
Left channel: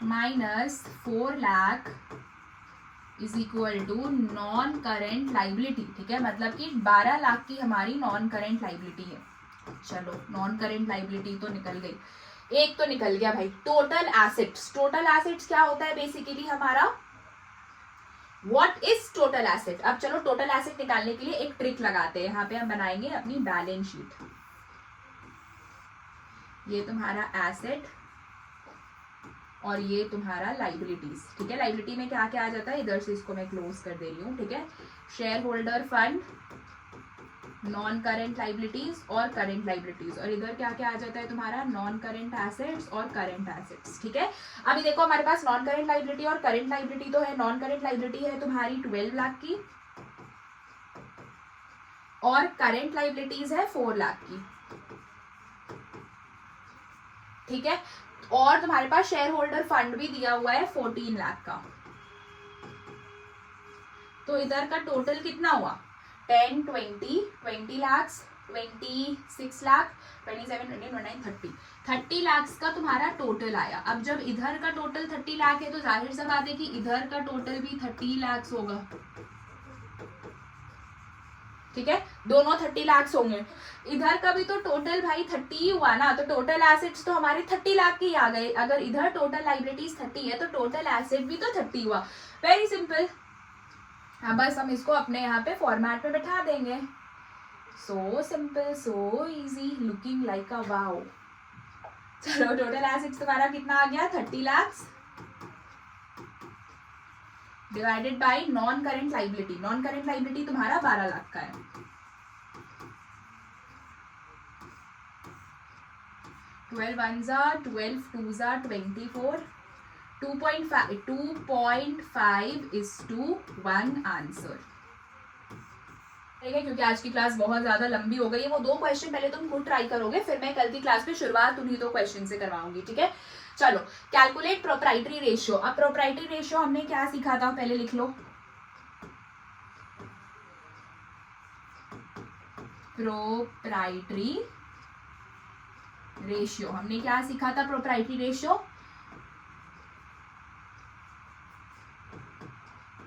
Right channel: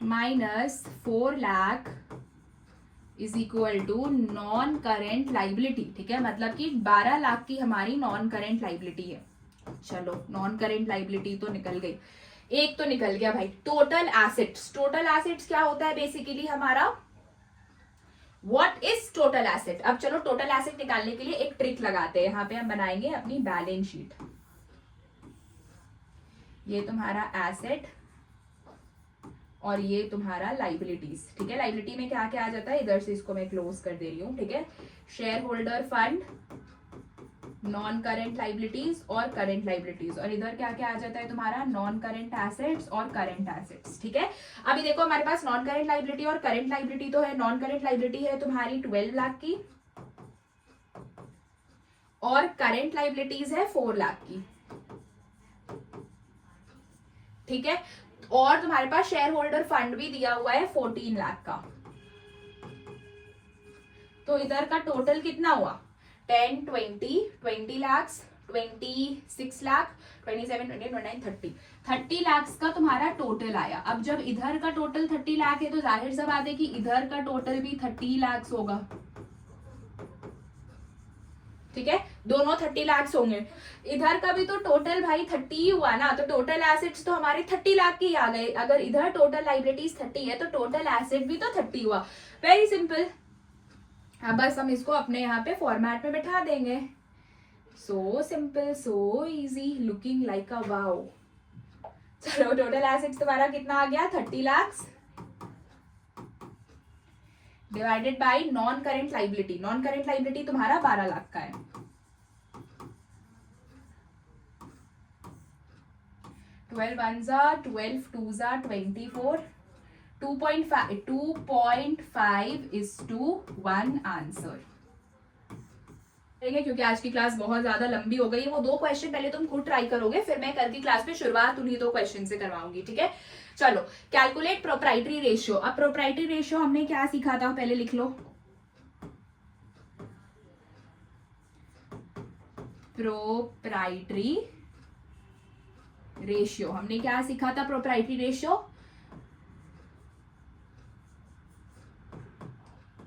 minus 4 lakh is equal to non current liability, ठीक है, मतलब कि 12 लाख की हमारी नॉन करेंट लाइबिलिटी है। चलो नॉन करेंट लाइबिलिटी तो निकल गई, एक तो निकल गया भाई टोटल एसेट्स। टोटल एसेट्स क्या होता है बेसिकली हमारा, व्हाट इज टोटल एसेट। अब चलो टोटल एसेट निकालने के लिए एक ट्रिक लगाते हैं, यहाँ पे हम बनाएंगे अपनी बैलेंस शीट। ये तुम्हारा एसेट और ये तुम्हारा लाइबिलिटीज, ठीक है। लाइबिलिटी में क्या क्या आ जाता है, इधर से इसको मैं क्लोज कर दे रही हूँ, ठीक है। Share holder fund, non current liabilities और करेंट लाइबिलिटीज, और इधर क्या क्या आ जाता है तुम्हारा, नॉन करेंट एसेट्स और करेंट एसेट्स, ठीक है। अभी देखो हमारे पास नॉन करेंट लाइबिलिटी और करेंट लाइबिलिटी तो है। नॉन करेंट लाइबिलिटी है तुम्हारी 12 लाख की और करेंट लाइबिलिटीज है 4 लाख की, ठीक है। और तुम्हारे पास शेयर होल्डर फंड भी दिया हुआ है 14 लाख का। तो इधर का टोटल कितना हुआ, 10, 20 लाख, 26 लाख, 27, 28, 29, 30 लाख का तुम्हारा टोटल आया। अब जब इधर का टोटल 30 लाख है तो जाहिर सा बात है कि इधर का टोटल भी 30 लाख होगा, ठीक है। दोनों 30 लाख होंगे। इधर का भी तो टोटल भाई 30 ही हुआ ना, तो टोटल एसेट्स तो हमारे 30 लाख की आ गए। अगर इधर टोटल लाइबिलिटीज 30 है तो टोटल एसेट भी तो 30 हुआ। Very simple. हाँ बस हम इसको अपने यहाँ पे फॉर्मेट में बैठा देंगे। So simple, so easy, looking like a wow. चलो टोटल एसेट्स तुम्हारा कितना आ गया, 30 lakh divided by non current liability. Non current liability तुम्हारा 12 लाख का है। 12 1s are 12, 2s are 24, 2.5:1 answer. ठीक है, क्योंकि आज की क्लास बहुत ज्यादा लंबी हो गई है। वो 2 क्वेश्चन पहले तुम खुद ट्राई करोगे, फिर मैं कल की क्लास में शुरुआत उन्हीं 2 क्वेश्चन से करवाऊंगी, ठीक है। चलो कैलकुलेट प्रोप्राइटरी रेशियो। अब प्रोप्राइटरी रेशियो हमने क्या सीखा था, पहले लिख लो। प्रोप्राइटरी रेशियो हमने क्या सीखा था, proprietary ratio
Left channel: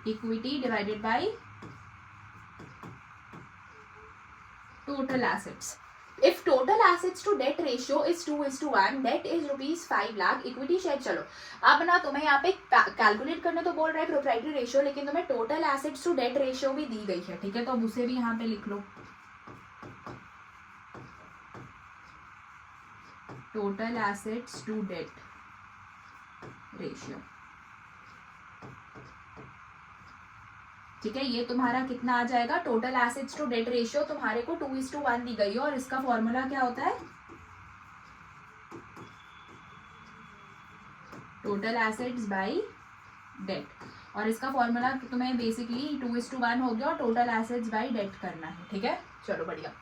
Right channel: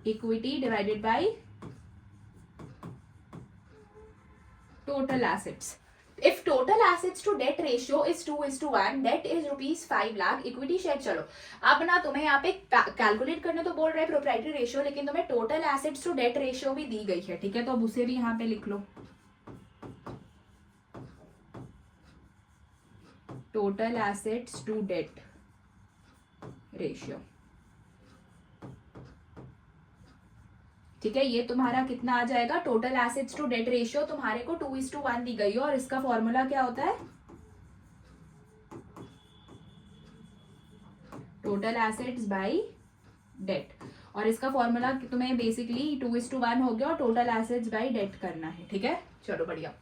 equity divided bye total assets. If total assets to debt ratio is 2:1, debt is ₹5 lakh, equity share। चलो अब ना तुम्हें यहाँ पे कैलकुलेट करने तो बोल रहे हैं प्रोप्राइटरी रेशियो, लेकिन तुम्हें total assets to debt ratio भी दी गई है, ठीक है। तो अब उसे भी यहाँ पे लिख लो, total assets to debt ratio, ठीक है। ये तुम्हारा कितना आ जाएगा, total assets to debt ratio तुम्हारे को 2:1 दी गई है, और इसका फॉर्मूला क्या होता है, टोटल एसेट्स बाय डेट। और इसका फॉर्मूला तुम्हें बेसिकली 2:1 हो गया और टोटल एसेट्स बाय डेट करना है, ठीक है। चलो बढ़िया।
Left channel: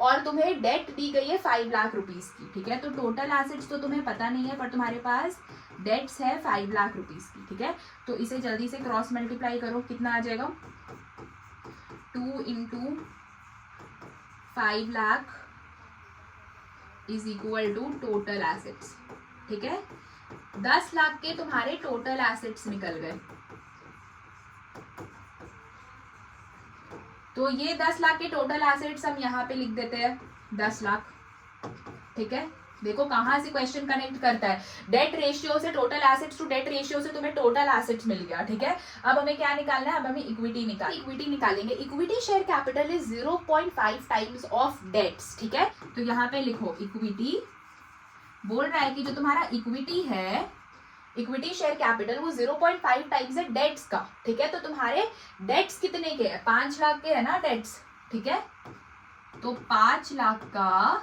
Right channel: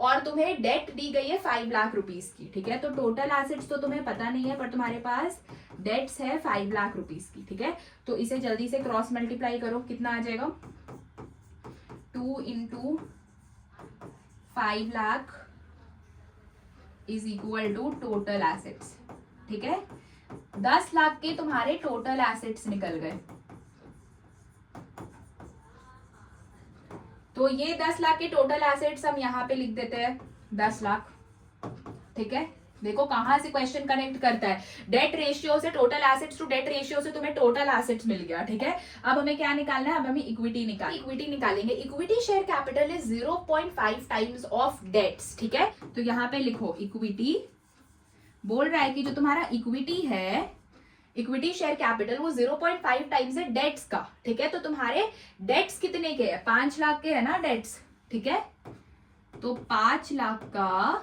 और तुम्हें डेट दी गई है 5 लाख रुपीज की, ठीक है। तो टोटल एसेट्स तो तुम्हें पता नहीं है, पर तुम्हारे पास डेट्स है 5 लाख रुपीज की, ठीक है। तो इसे जल्दी से क्रॉस मल्टीप्लाई करो, कितना आ जाएगा, 2 × 5 lakh is equal to total assets, ठीक है। 10 लाख के तुम्हारे टोटल एसेट्स निकल गए। तो ये 10 लाख के टोटल एसेट्स हम यहाँ पे लिख देते हैं 10 लाख, ठीक है। देखो कहां से क्वेश्चन कनेक्ट करता है, डेट रेशियो से total assets to debt ratio से तुम्हें टोटल एसेट्स मिल गया, ठीक है। अब हमें क्या निकालना है, अब हमें इक्विटी निकालेंगे। Equity share capital is 0.5 times of debts, ठीक है। तो यहाँ पे लिखो इक्विटी, बोल रहा है कि जो तुम्हारा इक्विटी है, इक्विटी शेयर कैपिटल वो 0.5 टाइम्स है डेट्स का, ठीक है। तो तुम्हारे डेट्स कितने के हैं, 5 लाख के है ना डेट्स, ठीक है। तो 5 लाख का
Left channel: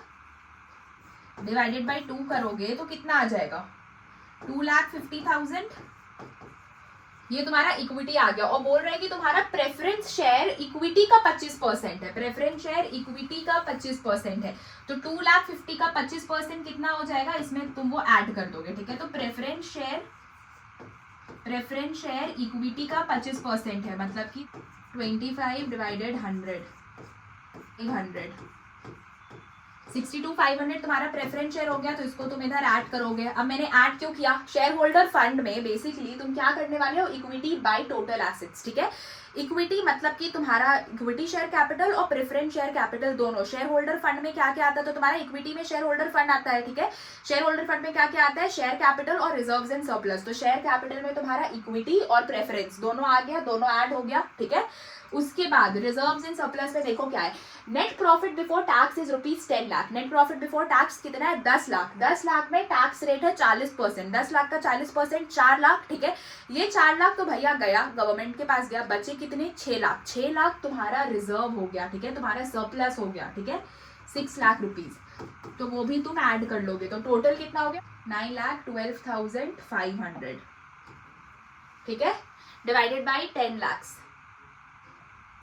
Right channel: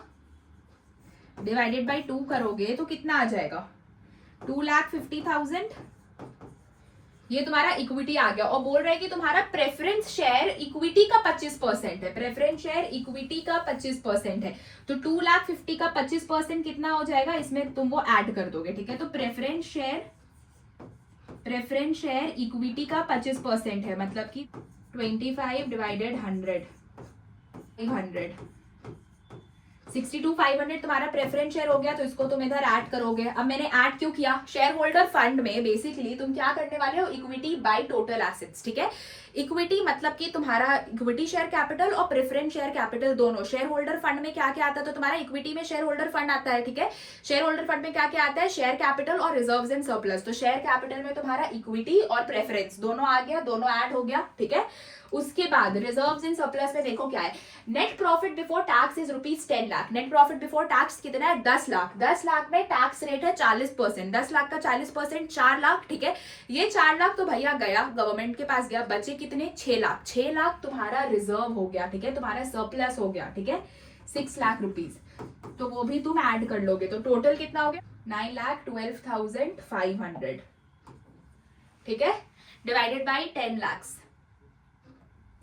डिवाइडेड बाय 2 करोगे तो कितना आ जाएगा, 2,50,000। ये तुम्हारा इक्विटी आ गया। और बोल रहे हैं कि तुम्हारा प्रेफरेंस शेयर इक्विटी का 25% है, प्रेफरेंस शेयर इक्विटी का 25% है। तो 2,50,000 का 25% कितना हो जाएगा, इसमें तुम वो ऐड कर दोगे, ठीक है। तो प्रेफरेंस शेयर इक्विटी का 25% है, मतलब कि 25 डिवाइडेड 100, 62,500 तुम्हारा प्रेफरेंस शेयर हो गया, तो इसको तुम इधर ऐड करोगे। अब मैंने ऐड क्यों किया, शेयर होल्डर फंड में बेसिकली तुम क्या करने वाले हो, इक्विटी बाय टोटल एसेट्स, ठीक है। इक्विटी मतलब कि तुम्हारा इक्विटी शेयर कैपिटल और प्रेफरेंस शेयर कैपिटल दोनों। शेयर होल्डर फंड में क्या क्या आता है, तो तुम्हारा इक्विटी में शेयर होल्डर फंड आता है, ठीक है। शेयर होल्डर फंड में क्या क्या आता है, शेयर कैपिटल और रिजर्व्स एंड सरप्लस। तो शेयर कैपिटल में तुम्हारा इक्विटी और प्रेफरेंस दोनों आ गया, दोनों ऐड हो गया, ठीक है। उसके बाद रिजर्व्स एंड सरप्लस में देखो क्या है, net profit before tax is ₹10 lakh. Net profit before tax कितना है, 10 लाख। 10 लाख में टैक्स रेट है 40%। 10 लाख का 40% 4 लाख, ठीक है। ये 4 लाख तो भैया गया, गवर्नमेंट के पास गया, बचे कितने, 6 लाख। 6 लाख तुम्हारा रिजर्व हो गया, ठीक है, तुम्हारा सरप्लस हो गया, ठीक है, 6 लाख रुपीज। तो वो भी तुम ऐड कर लोगे, तो टोटल कितना हो गया, 9,12,500, ठीक है, डिवाइडेड बाई 10 लाख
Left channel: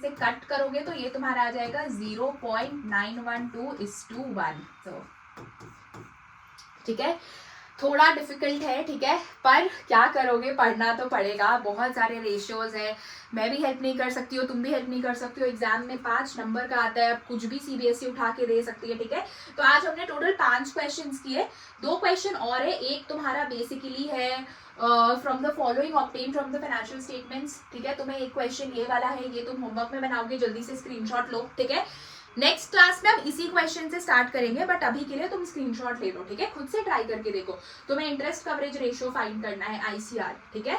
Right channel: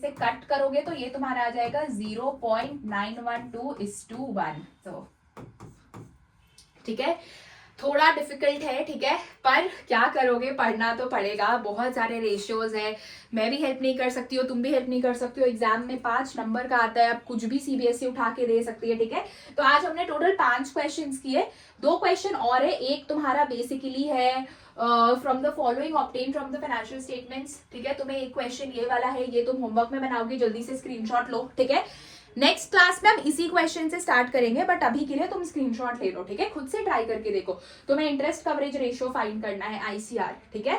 से कट करोगे तो ये तुम्हारा आ जाएगा 0.912:1, तो ठीक है। थोड़ा डिफिकल्ट है, ठीक है, पर क्या करोगे, पढ़ना तो पड़ेगा। बहुत सारे रेशियोज है, मैं भी हेल्प नहीं कर सकती हूँ, तुम भी हेल्प नहीं कर सकती हो। एग्जाम में 5 नंबर का आता है, अब कुछ भी सीबीएसई उठा के दे सकती है, ठीक है। तो आज हमने टोटल 5 क्वेश्चंस किए, 2 क्वेश्चन और है। एक तुम्हारा बेसिकली है from the following obtain from the financial statements, ठीक है। तुम्हें एक क्वेश्चन ये वाला है, ये तुम होमवर्क में बनाओगी, जल्दी से स्क्रीनशॉट लो, ठीक है। नेक्स्ट क्लास में हम इसी क्वेश्चन से स्टार्ट करेंगे, बट अभी के लिए तुम स्क्रीनशॉट ले लो, ठीक है, खुद से ट्राई करके देखो। तुम्हें इंटरेस्ट कवरेज रेशियो फाइंड करना है, आईसीआर, ठीक है।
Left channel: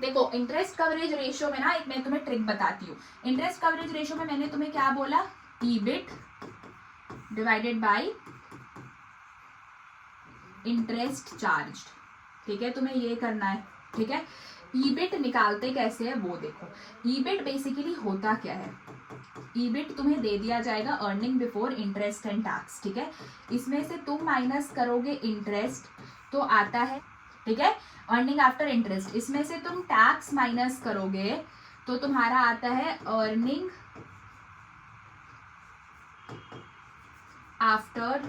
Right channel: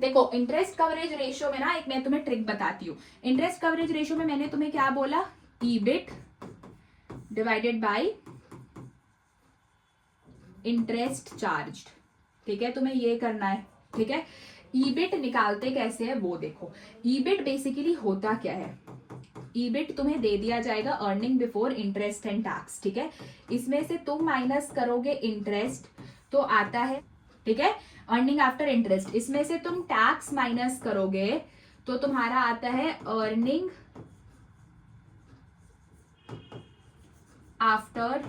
देखो इंटरेस्ट कवरेज रेशियो में ना एक मैं तुम्हें ट्रिक बताती हूँ। इंटरेस्ट कवरेज रेशियो में मैंने तुम्हें क्या बोला, EBIT divided by interest charge, ठीक है, तुम्हें ये करना है, ठीक है। ईबिट निकालते कैसे है वो देखो। ईबिट बेसिकली होता क्या है, ईबिट तुम्हें दे दिया जाएगा earning before interest and tax, ठीक है। इसमें से तुम माइनस करोगे इंटरेस्ट तो आता है, ठीक है, अर्निंग आफ्टर इंटरेस्ट। इसमें से तुम टैक्स माइनस करोगे तो तुम्हारा आता है अर्निंग आफ्टर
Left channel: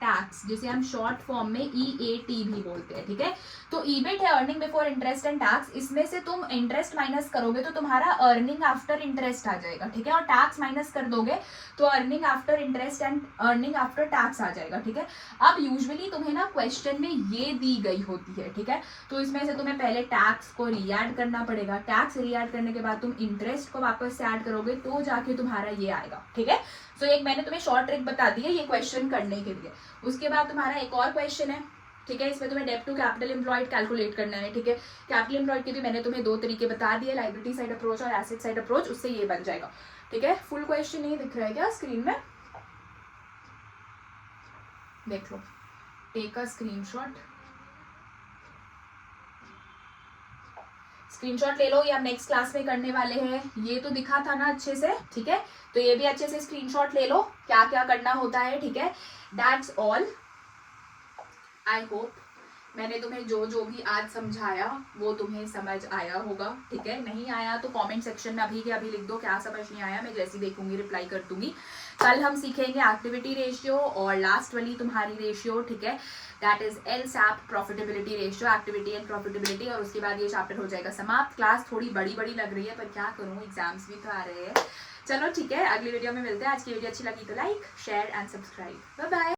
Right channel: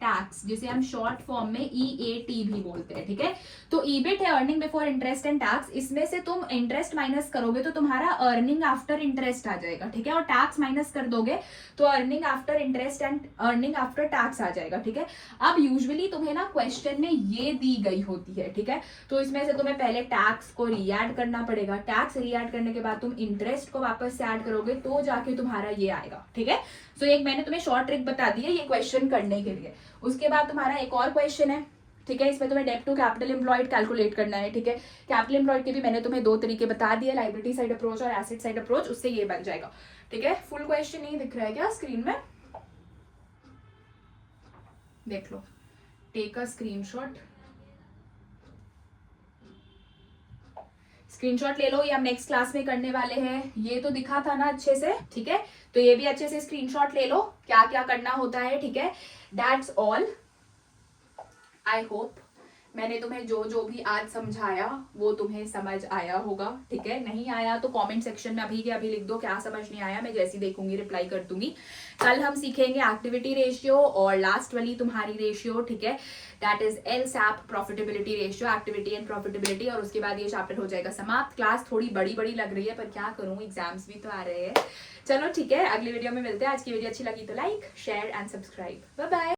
टैक्स, जिसे हम शॉर्ट फॉर्म में EAT भी बोलते हैं, ठीक है। तो ईबिट है earning before interest and tax, इसमें से तुम इंटरेस्ट माइनस करोगे तो तुम्हारा अर्निंग आफ्टर इंटरेस्ट आ जाएगा, ठीक है, और टैक्स माइनस कर दोगे तो earning after interest and earning after tax आ जाएगा, ठीक है। अब यूजुअली तुम्हें ना क्वेश्चन में ये दी गई होती है, ठीक है, तो इसमें से तुम्हें पहले टैक्स को रीएड करना पड़ेगा। टैक्स रीएड करने के बाद तुम इंटरेस्ट को वापस से ऐड करोगे तो जाके तुम्हारा ये आएगा, ठीक है। सो एक मैंने तुम्हें शॉर्ट ट्रिक बता दी है ये क्वेश्चन करने के लिए। उसके बाद तुम्हारा एक और क्वेश्चन है, ठीक है, इसमें तुम्हें डेब्ट टू कैपिटल एम्प्लॉयड कैलकुलेट करना है, ठीक है। कैपिटल एम्प्लॉयड के भी मैंने तुम्हें 2 तरीके बता दिए, लायबिलिटी साइड अप्रोच और एसेट साइड अप्रोच, उससे ये बन जाएगा, ठीक है। फुल क्वेश्चन नहीं दिख रहा है क्या स्क्रीन में, देख लो, टेक अ स्क्रीनशॉट, स्क्रीनशॉट ले लो, ये हम नेक्स्ट क्लास में करने वाले हैं। ये तो दिखा था ना अच्छे से, ठीक है, तो ये भी अच्छे से स्क्रीनशॉट ले लो, क्या क्या करना होता है, ठीक है। That's all. आई होप मैंने तुम्हें जो जो भी आज समझाया वो तुम्हें समझ आया होगा, ठीक है। नहीं आया तो कमेंट सेक्शन में अभी के अभी लिख दो क्या समझ नहीं आया, मैं जैसी देखूंगी रिप्लाई कर दूंगी। कल हम सीखेंगे एक्टिविटी रेशियो और लास्ट वाली तुम्हारी रेशियो, ठीक है, that is LSAP profitability ratio, activity and profitability, और उसके बाद ये चैप्टर हो जाएगा समाप्त। क्लास थोड़ी बड़ी बड़ी लग रही है पर क्या करूँ, एग्जाम्स भी तो आ रहे हैं। चलो ठीक है, अगली वीडियो में मिलते हैं। आज की वीडियो अच्छी लगी तो like share and subscribe, bye bye.